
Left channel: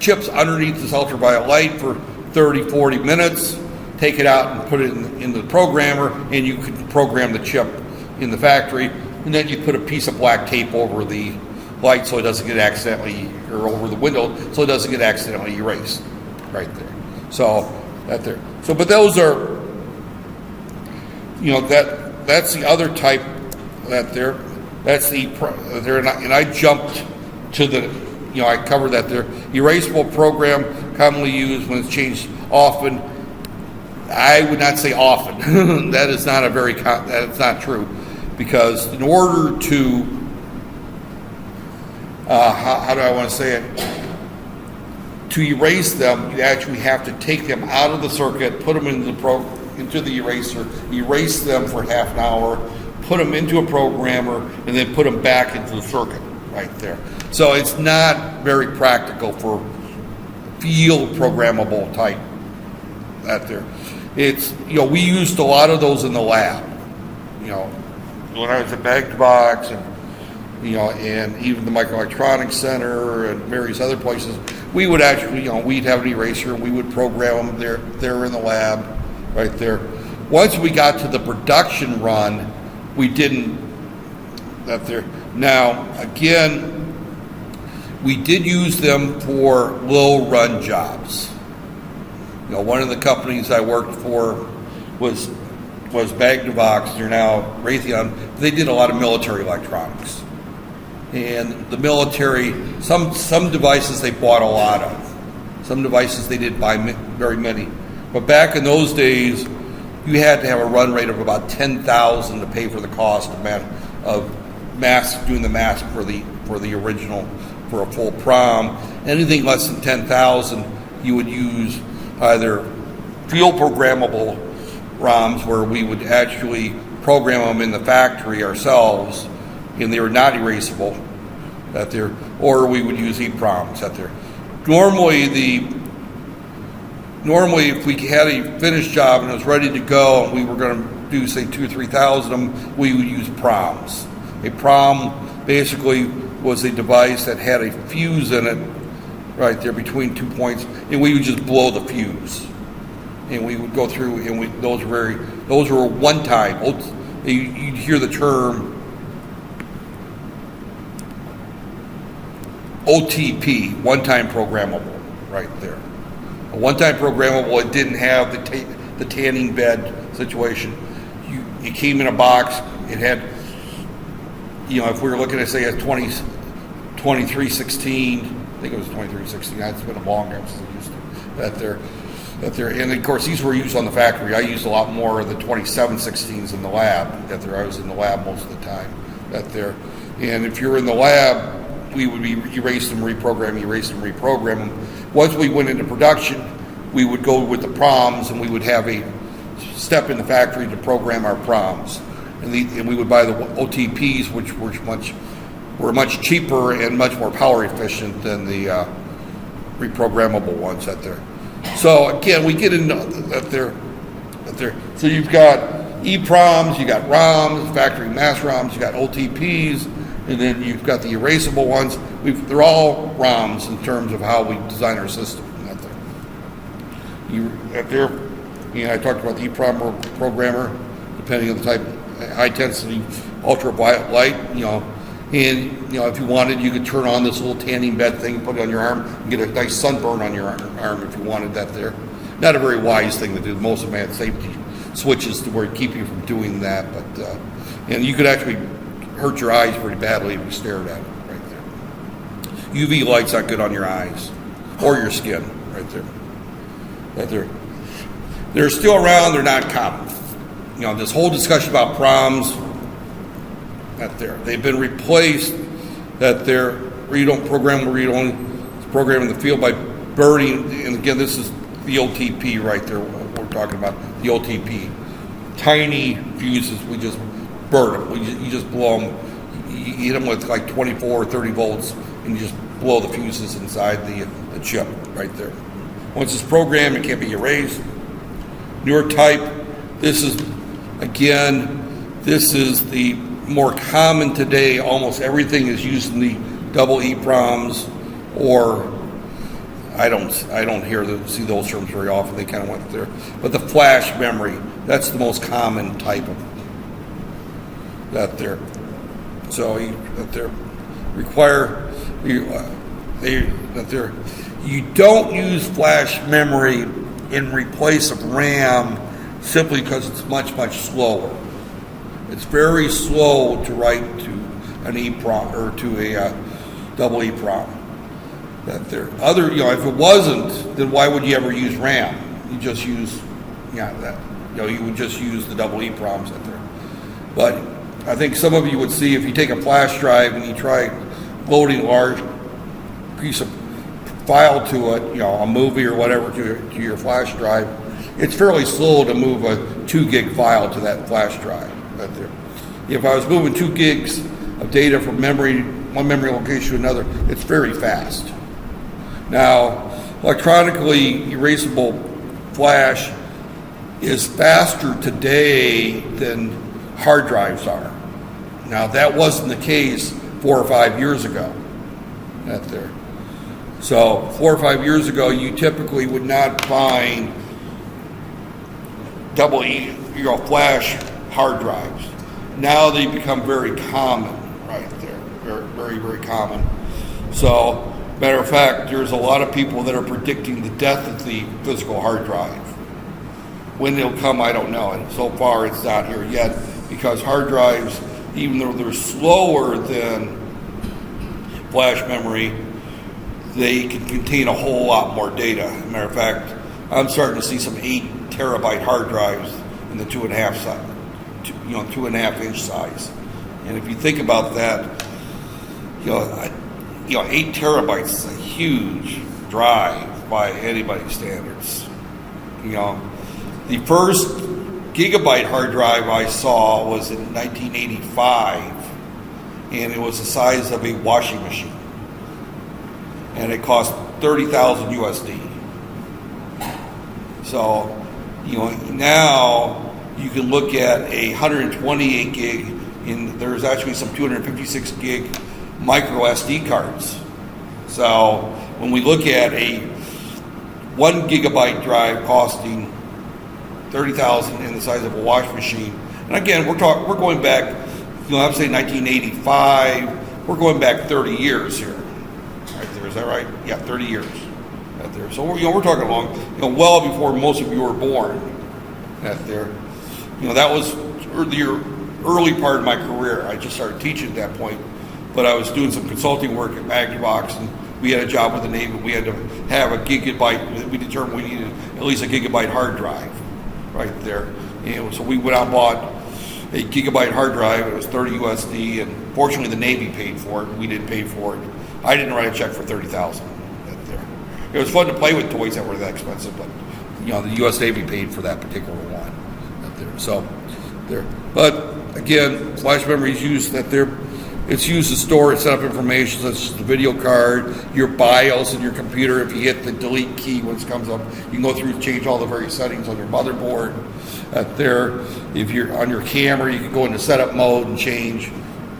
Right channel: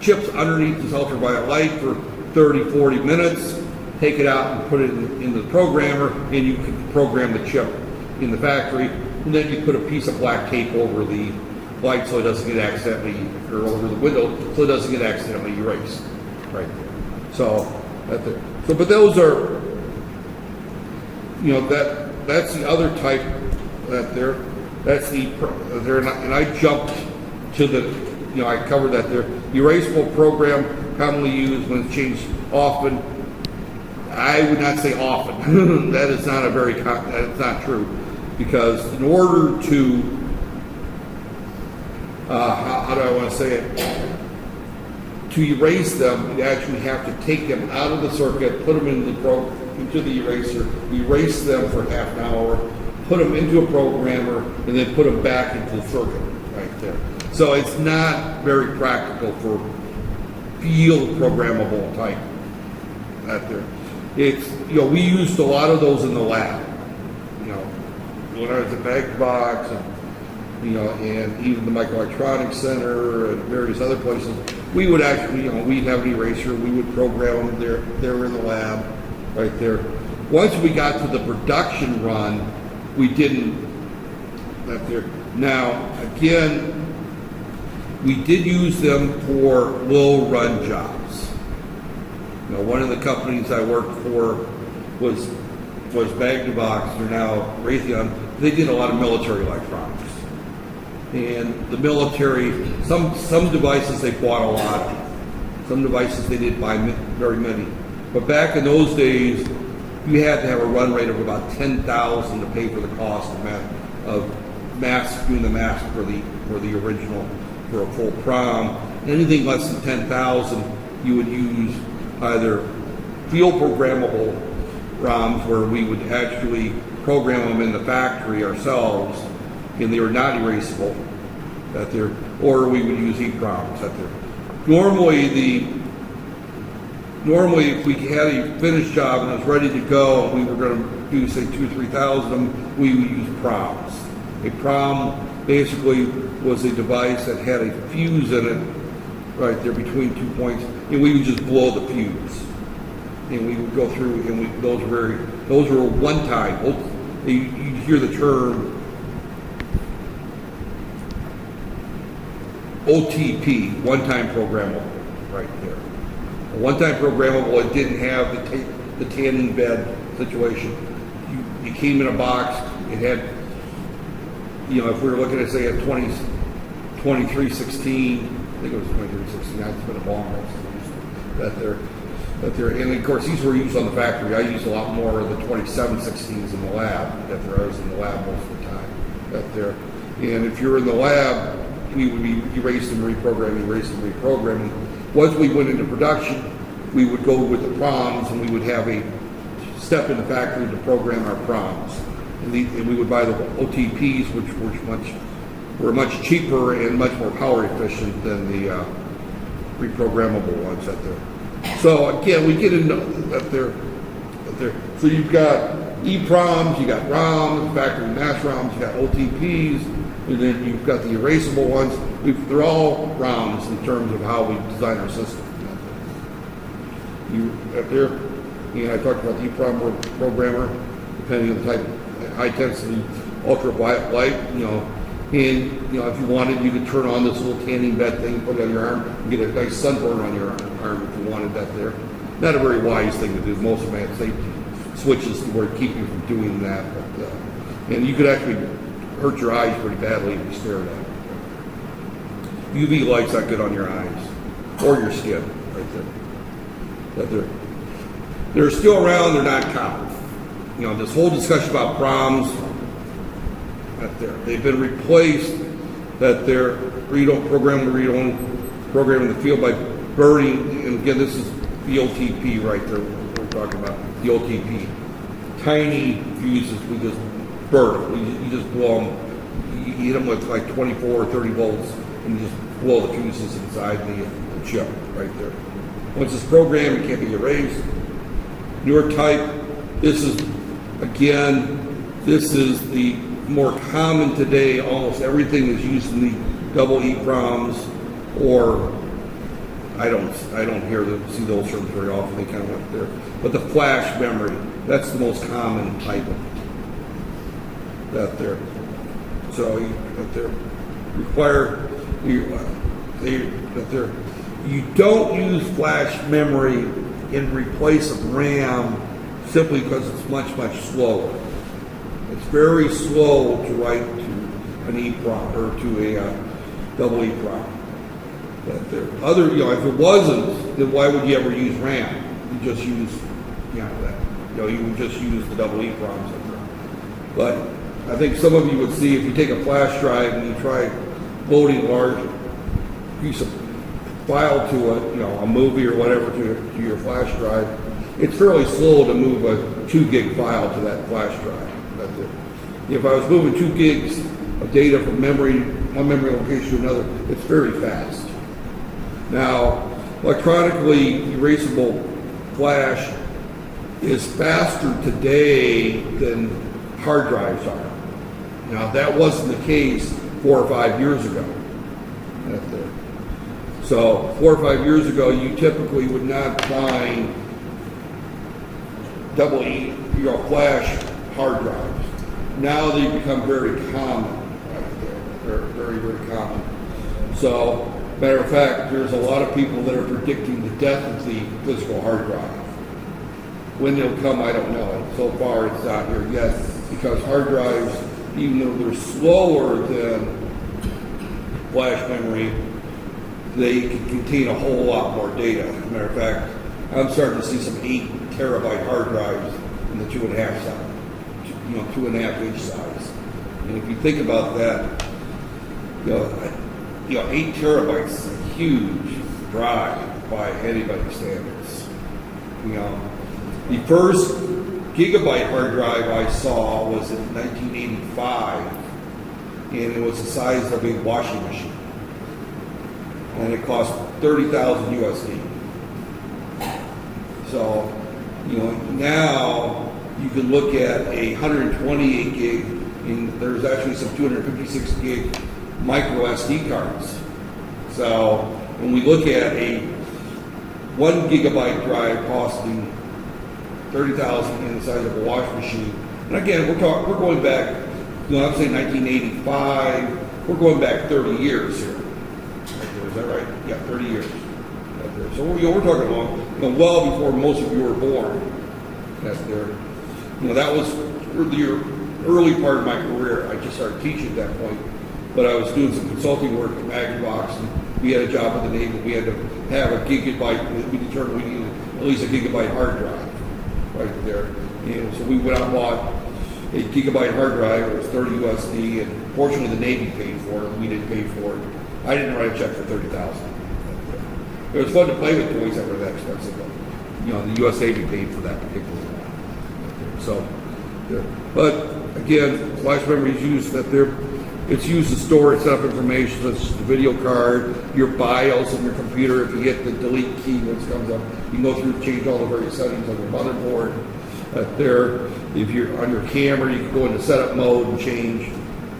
chips underneath this ultraviolet light for 30, 40 minutes, take it out and put it in the programmer, and you can program the chip in the factory, and then you put a piece of black tape over the light so it doesn't get accidentally, or over the window so it doesn't get accidentally erased, right there. So that there. So, but those are, you know, that's the other type that there. That's the there, and I jumped to the, you know, I covered that there. Erasable program commonly used when it's changed often. I would not say often. That is not a very, that's not true, because in order to, how do I want to say it? To erase them, you actually have to take them out of the circuit, put them into the eraser, erase them for half an hour, put them into a programmer, and then put them back into the circuit right there. So it's not very practical for field programmable type out there. It's, you know, we used a lot of those in the lab, you know, when I was at Microprocessor and, you know, and even the Microelectronics Center and various other places, we would actually, you know, we'd have an eraser, we would program them there in the lab right there. Once we got to the production run, we didn't up there. Now, again, we did use them for low run jobs. You know, one of the companies I worked for was Magnavox, they're now Raytheon. They did a lot of military electronics. And the military, some devices they bought a lot of. Some devices they didn't buy very many. But back in those days, you had to have a run rate of about 10,000 to pay for the cost of doing the mask for the original, for a full prom. Anything less than 10,000, you would use either field programmable ROMs, where we would actually program them in the factory ourselves, and they were not erasable, that there, or we would use EEPROMs that there. Normally, if we had a finished job and it was ready to go, and we were going to do, say, 2,000 or 3,000 of them, we would use PROMs. A PROM basically was a device that had a fuse in it, right there between 2 points, and we would just blow the fuse. And we would go through, and those were one time. You'd hear the term OTP, one-time programmable, right there. A one-time programmable, it didn't have the tanning bed situation. It came in a box. It had, you know, if we were looking at, say, a 2316, I think it was 2316. It's been a long time since I used that there. And of course, these were used on the factory. I used a lot more of the 2716s in the lab. That there, I was in the lab most of the time. That there, and if you're in the lab, we would be erase them, reprogram them. Once we went into production, we would go with the PROMs, and we would have a step in the factory to program our PROMs. And we would buy the OTPs, which were much cheaper and much more power efficient than the reprogrammable ones out there. So again, we get into that there. So you've got EEPROMs, you got ROMs, factory mass ROMs, you got OTPs, and then you've got the erasable ones. They're all ROMs in terms of how we design our system. And I talked about the EEPROM programmer, depending on the type, high intensity, ultraviolet light, you know. And, you know, if you wanted, you could turn on this little tanning bed thing, put it on your arm, and get a nice sunburn on your arm if you wanted that there. Not a very wise thing to do. Most of them had safety switches to where keep you from doing that. But and you could actually hurt your eyes pretty badly if you stared at it right there. UV light's not good on your eyes or your skin right there. They're still around. They're not common. You know, this whole discussion about PROMs, they've been replaced. That they're you don't program the read-only, program in the field by burning. And again, this is the OTP right there. We're talking about the OTP. Tiny fuses. We just burn them. You just blow them. You hit them with like 24 or 30 volts, and you just blow the fuses inside the chip right there. Once it's programmed, it can't be erased. Newer type. This is the more common today. Almost everything is using the double EEPROMs or I don't see those terms very often. They kind of went there. But the flash memory, that's the most common type of that there. So that they require you don't use flash memory in replace of RAM simply because it's much slower. It's very slow to write to an EEPROM or to a double EEPROM. That there other if it wasn't, then why would you ever use RAM? You just use you would just use the double EEPROMs in there. But I think some of you would see if you take a flash drive and you try loading a large piece of file to a movie or whatever to your flash drive, it's fairly slow to move a 2 gig file to that flash drive. If I was moving 2 gigs of data from one memory location to another, it's very fast. Now, electronically erasable flash is faster today than hard drives are. Now, that wasn't the case 4 or 5 years ago. So 4 or 5 years ago, you typically would not find double flash hard drives. Now they become very common, right there. They're very, very common. So, matter of fact, there's a lot of people that are predicting the death of the physical hard drive. When it'll come, I don't know. And so far, it's not here yet because hard drives, even though they're slower than flash memory, they can contain a whole lot more data. As a matter of fact, I'm starting to see some 8 terabyte hard drives in the 2.5 size, 2.5 inch size. And if you think about that, 8 terabytes is a huge drive by anybody's standards. The first gigabyte hard drive I saw was in 1985, and it was the size of a washing machine. And it cost $30,000 USD. So, now you can look at a 128 gig, and there's actually some 256 gig micro SD cards. So, when we look at a 1 gigabyte drive costing $30,000 in the size of a washing machine, and again, we're going back, I'm saying 1985, we're going back 30 years here. Is that right? Yeah, 30 years. So we're talking long, well before most of you were born. That was the early part of my career. I just started teaching at that point, but I was doing some consulting work at Magnavox, and we had a job with the Navy. We had to have a gigabyte. We determined we needed at least a gigabyte hard drive, right there. So we went out and bought a gigabyte hard drive. It was 30 USD, and fortunately the Navy paid for it. We didn't pay for it. I didn't write a check for $30,000. It was fun to play with toys that were that expensive, but the U.S. Navy paid for that particular one. So, but again, flash memory is used it's used to store and set up information such as the video card, your BIOS of your computer. If you hit the delete key when it comes up, you can go through and change all the various settings on your motherboard. If you're on your camera, you can go into setup mode and change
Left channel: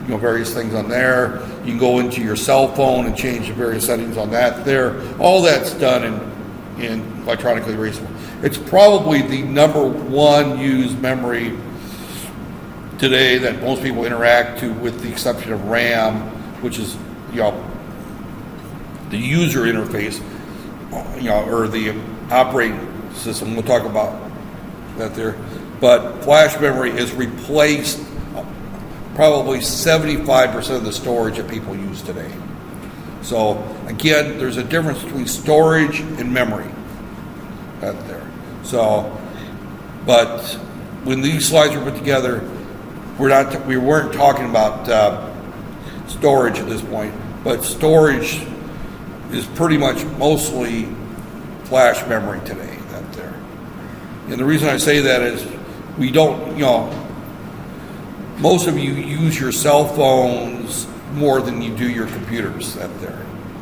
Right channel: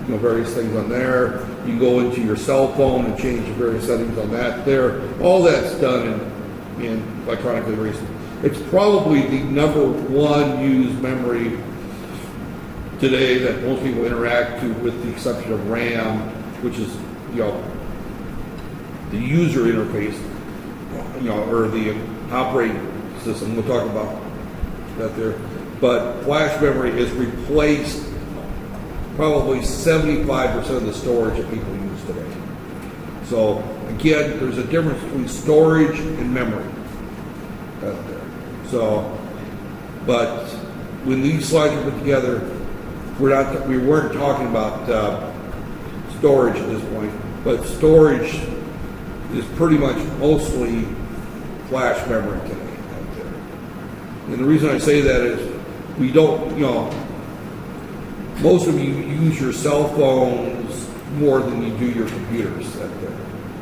various things on there. You can go into your cell phone and change the various settings on that there. All that's done in electronically erasable. It's probably the number one used memory today that most people interact to, with the exception of RAM, which is the user interface, or the operating system. We'll talk about that there. But flash memory is replaced probably 75% of the storage that people use today. So again, there's a difference between storage and memory out there. So, but when these slides were put together, we weren't talking about storage at this point, but storage is pretty much mostly flash memory today out there. And the reason I say that is we don't, most of you use your cell phones more than you do your computers out there.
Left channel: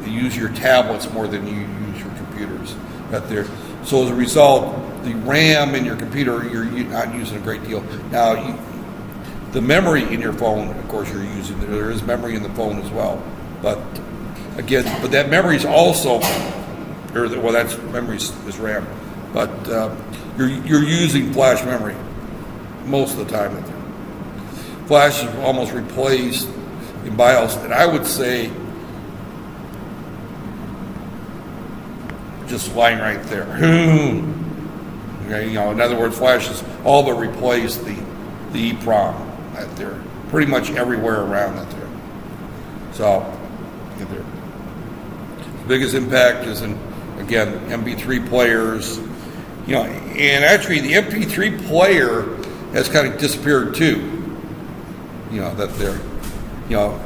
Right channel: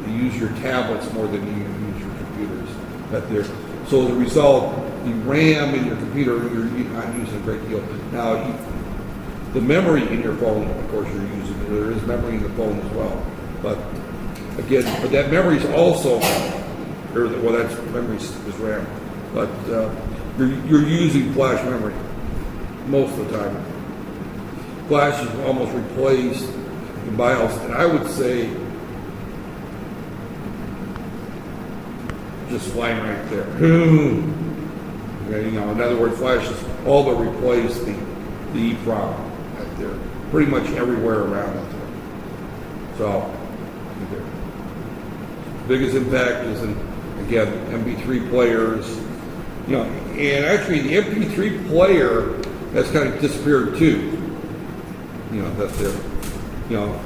You use your tablets more than you use your computers out there. So as a result, the RAM in your computer, you're not using a great deal. Now, the memory in your phone, of course, you're using. There is memory in the phone as well. But again, that memory is also or well, that's memory is RAM, but you're using flash memory most of the time. Flash is almost replaced in BIOS, and I would say just line right there. Okay, you know, in other words, flash is all but replaced the EEPROM right there, pretty much everywhere around it there. So, the biggest impact is in, again, MP3 players. You know, and actually the MP3 player has kind of disappeared too. You know, that they're, you know,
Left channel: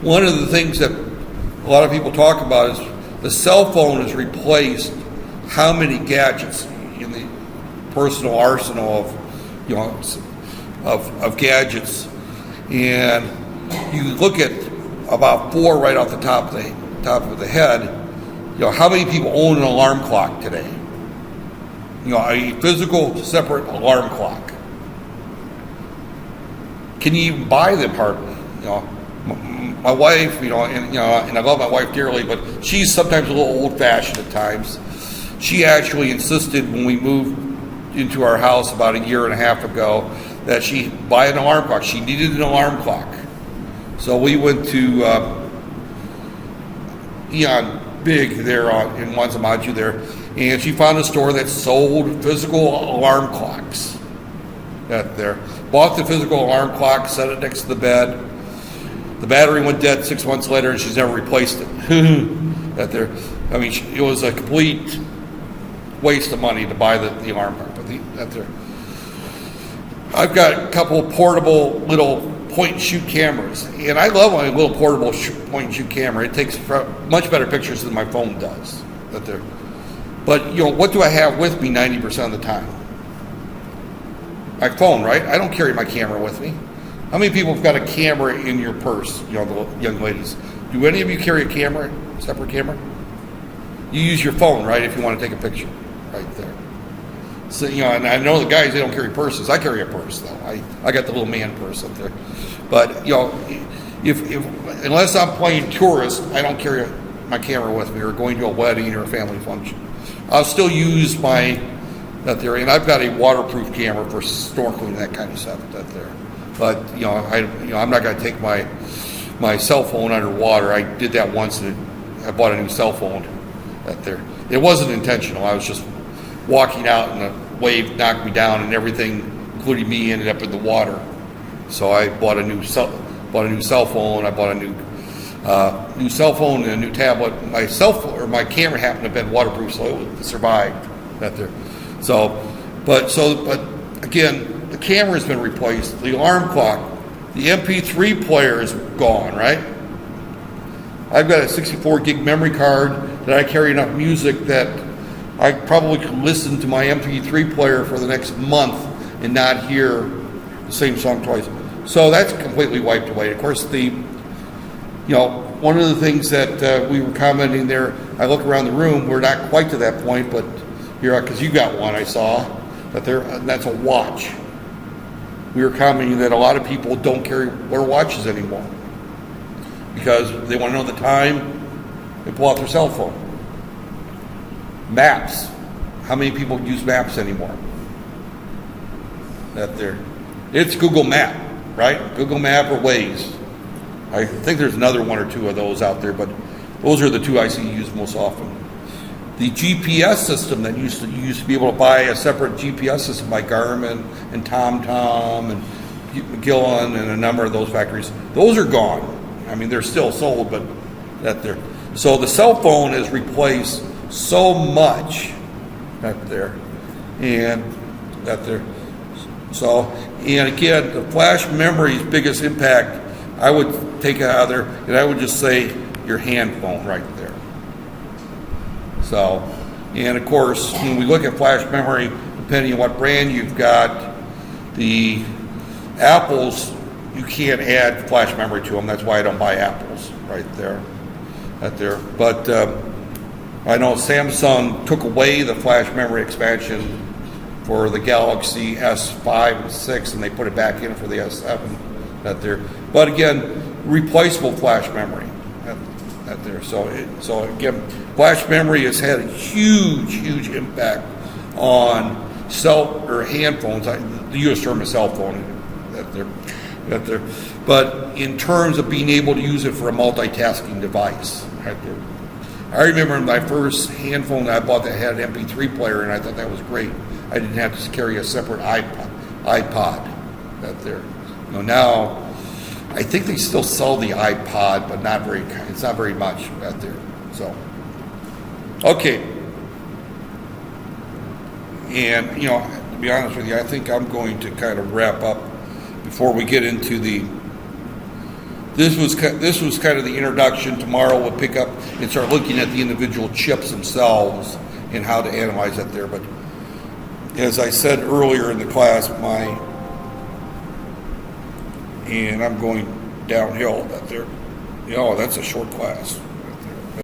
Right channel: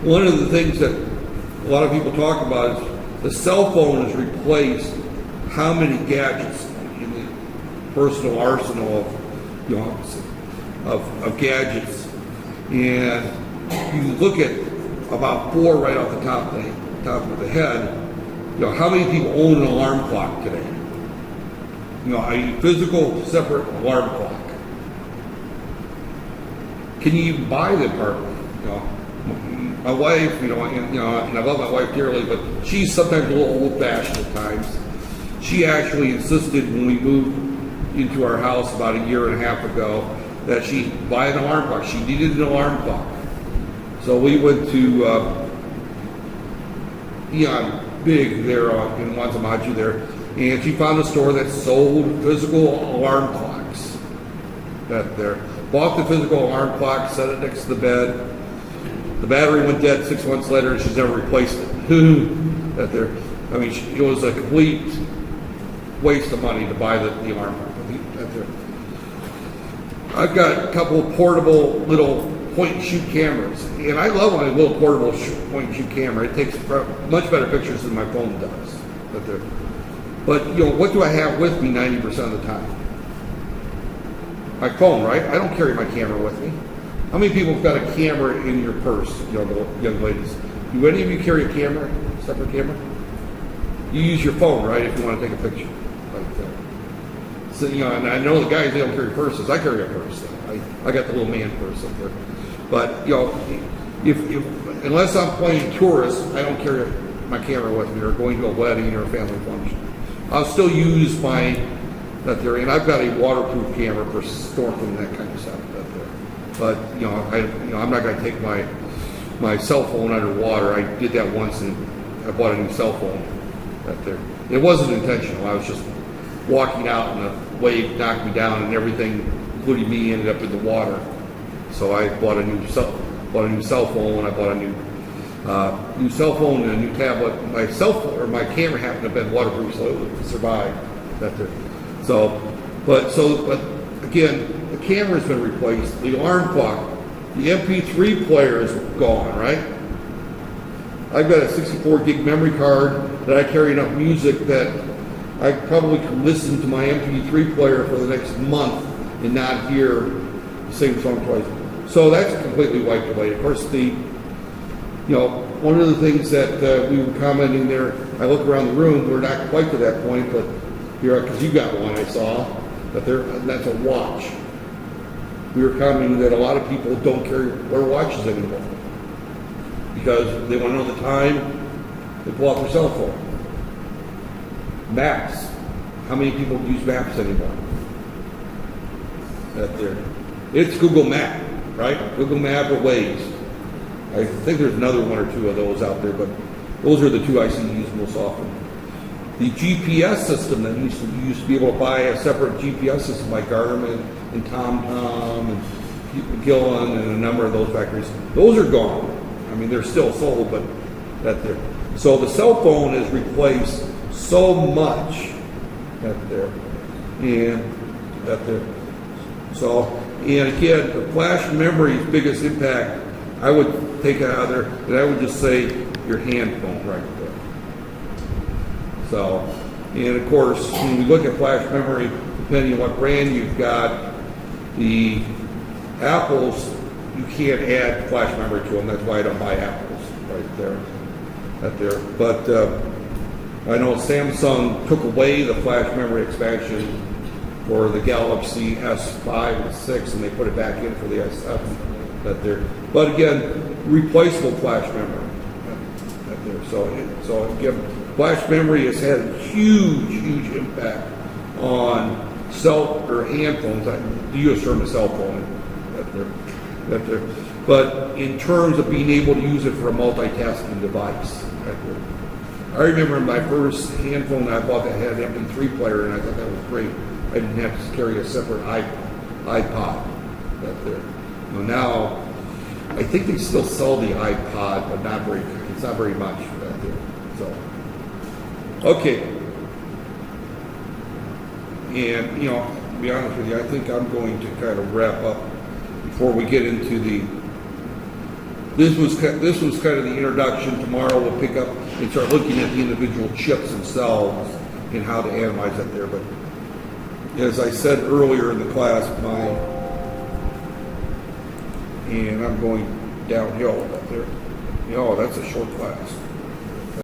one of the things that a lot of people talk about is the cell phone has replaced how many gadgets in the personal arsenal of, you know, of gadgets. And you look at about 4 right off the top of the head. You know, how many people own an alarm clock today? You know, a physical separate alarm clock. Can you even buy them hardly? You know, my wife, and I love my wife dearly, but she's sometimes a little old-fashioned at times. She actually insisted when we moved into our house about a year and a half ago that she buy an alarm clock. She needed an alarm clock. So we went to Eon Big there in Wanzamaju there, and she found a store that sold physical alarm clocks. That there. Bought the physical alarm clock, set it next to the bed. The battery went dead 6 months later, and she's never replaced it. That there. I mean, it was a complete waste of money to buy the alarm clock. That there. I've got a couple of portable little point-and-shoot cameras, and I love my little portable point-and-shoot camera. It takes much better pictures than my phone does. That there. But, you know, what do I have with me 90% of the time? My phone, right? I don't carry my camera with me. How many people have got a camera in your purse, you know, the young ladies? Do any of you carry a camera, separate camera? You use your phone, right, if you want to take a picture, right there. So, you know, and I know the guys, they don't carry purses. I carry a purse, though. I got the little man purse up there. But, you know, if unless I'm playing tourist, I don't carry my camera with me or going to a wedding or a family function. I'll still use my that there, and I've got a waterproof camera for snorkeling, that kind of stuff. That there, but I'm not going to take my cell phone underwater. I did that once, and I bought a new cell phone. That there, it wasn't intentional. I was just walking out, and a wave knocked me down, and everything, including me, ended up in the water. So I bought a new cell phone. I bought a new cell phone and a new tablet. My cell phone or my camera happened to have been waterproof, so it would survive. That there. But again, the camera's been replaced, the alarm clock, the MP3 player is gone, right? I've got a 64 gig memory card that I carry enough music that I probably could listen to my MP3 player for the next month and not hear the same song twice. So that's completely wiped away. Of course, one of the things that we were commenting there, I look around the room, we're not quite to that point, but because you got one, I saw, but that's a watch. We were commenting that a lot of people don't wear watches anymore because they want to know the time. They pull out their cell phone. Maps. How many people use maps anymore? It's Google Map, right? Google Map or Waze. I think there's another one or two of those out there, but those are the two I see used most often. The GPS system that used to be able to buy a separate GPS system like Garmin and TomTom and Gillen and a number of those factories, those are gone. I mean, they're still sold, but so the cell phone has replaced so much So, and again, the flash memory's biggest impact, I would take it out of there, and I would just say your hand phone right there. So, and of course, when we look at flash memory, depending on what brand you've got, the Apples, you can't add flash memory to them. That's why I don't buy Apples right there. But I know Samsung took away the flash memory expansion for the Galaxy S5 and 6, and they put it back in for the S7. But again, replaceable flash memory. there. So again, flash memory has had a huge impact on cell or hand phones. The U.S. term is cell phone. But in terms of being able to use it for a multitasking device. I remember my first hand phone that I bought that had an MP3 player, and I thought that was great. I didn't have to carry a separate iPod out there. Now, I think they still sell the iPod, but it's not very much out there. So, okay. And, to be honest with you, I think I'm going to kind of wrap up before we get into this was kind of the introduction. Tomorrow we'll pick up and start looking at the individual chips themselves and how to analyze that there. But as I said earlier in the class, and I'm going downhill out there. That's a short class.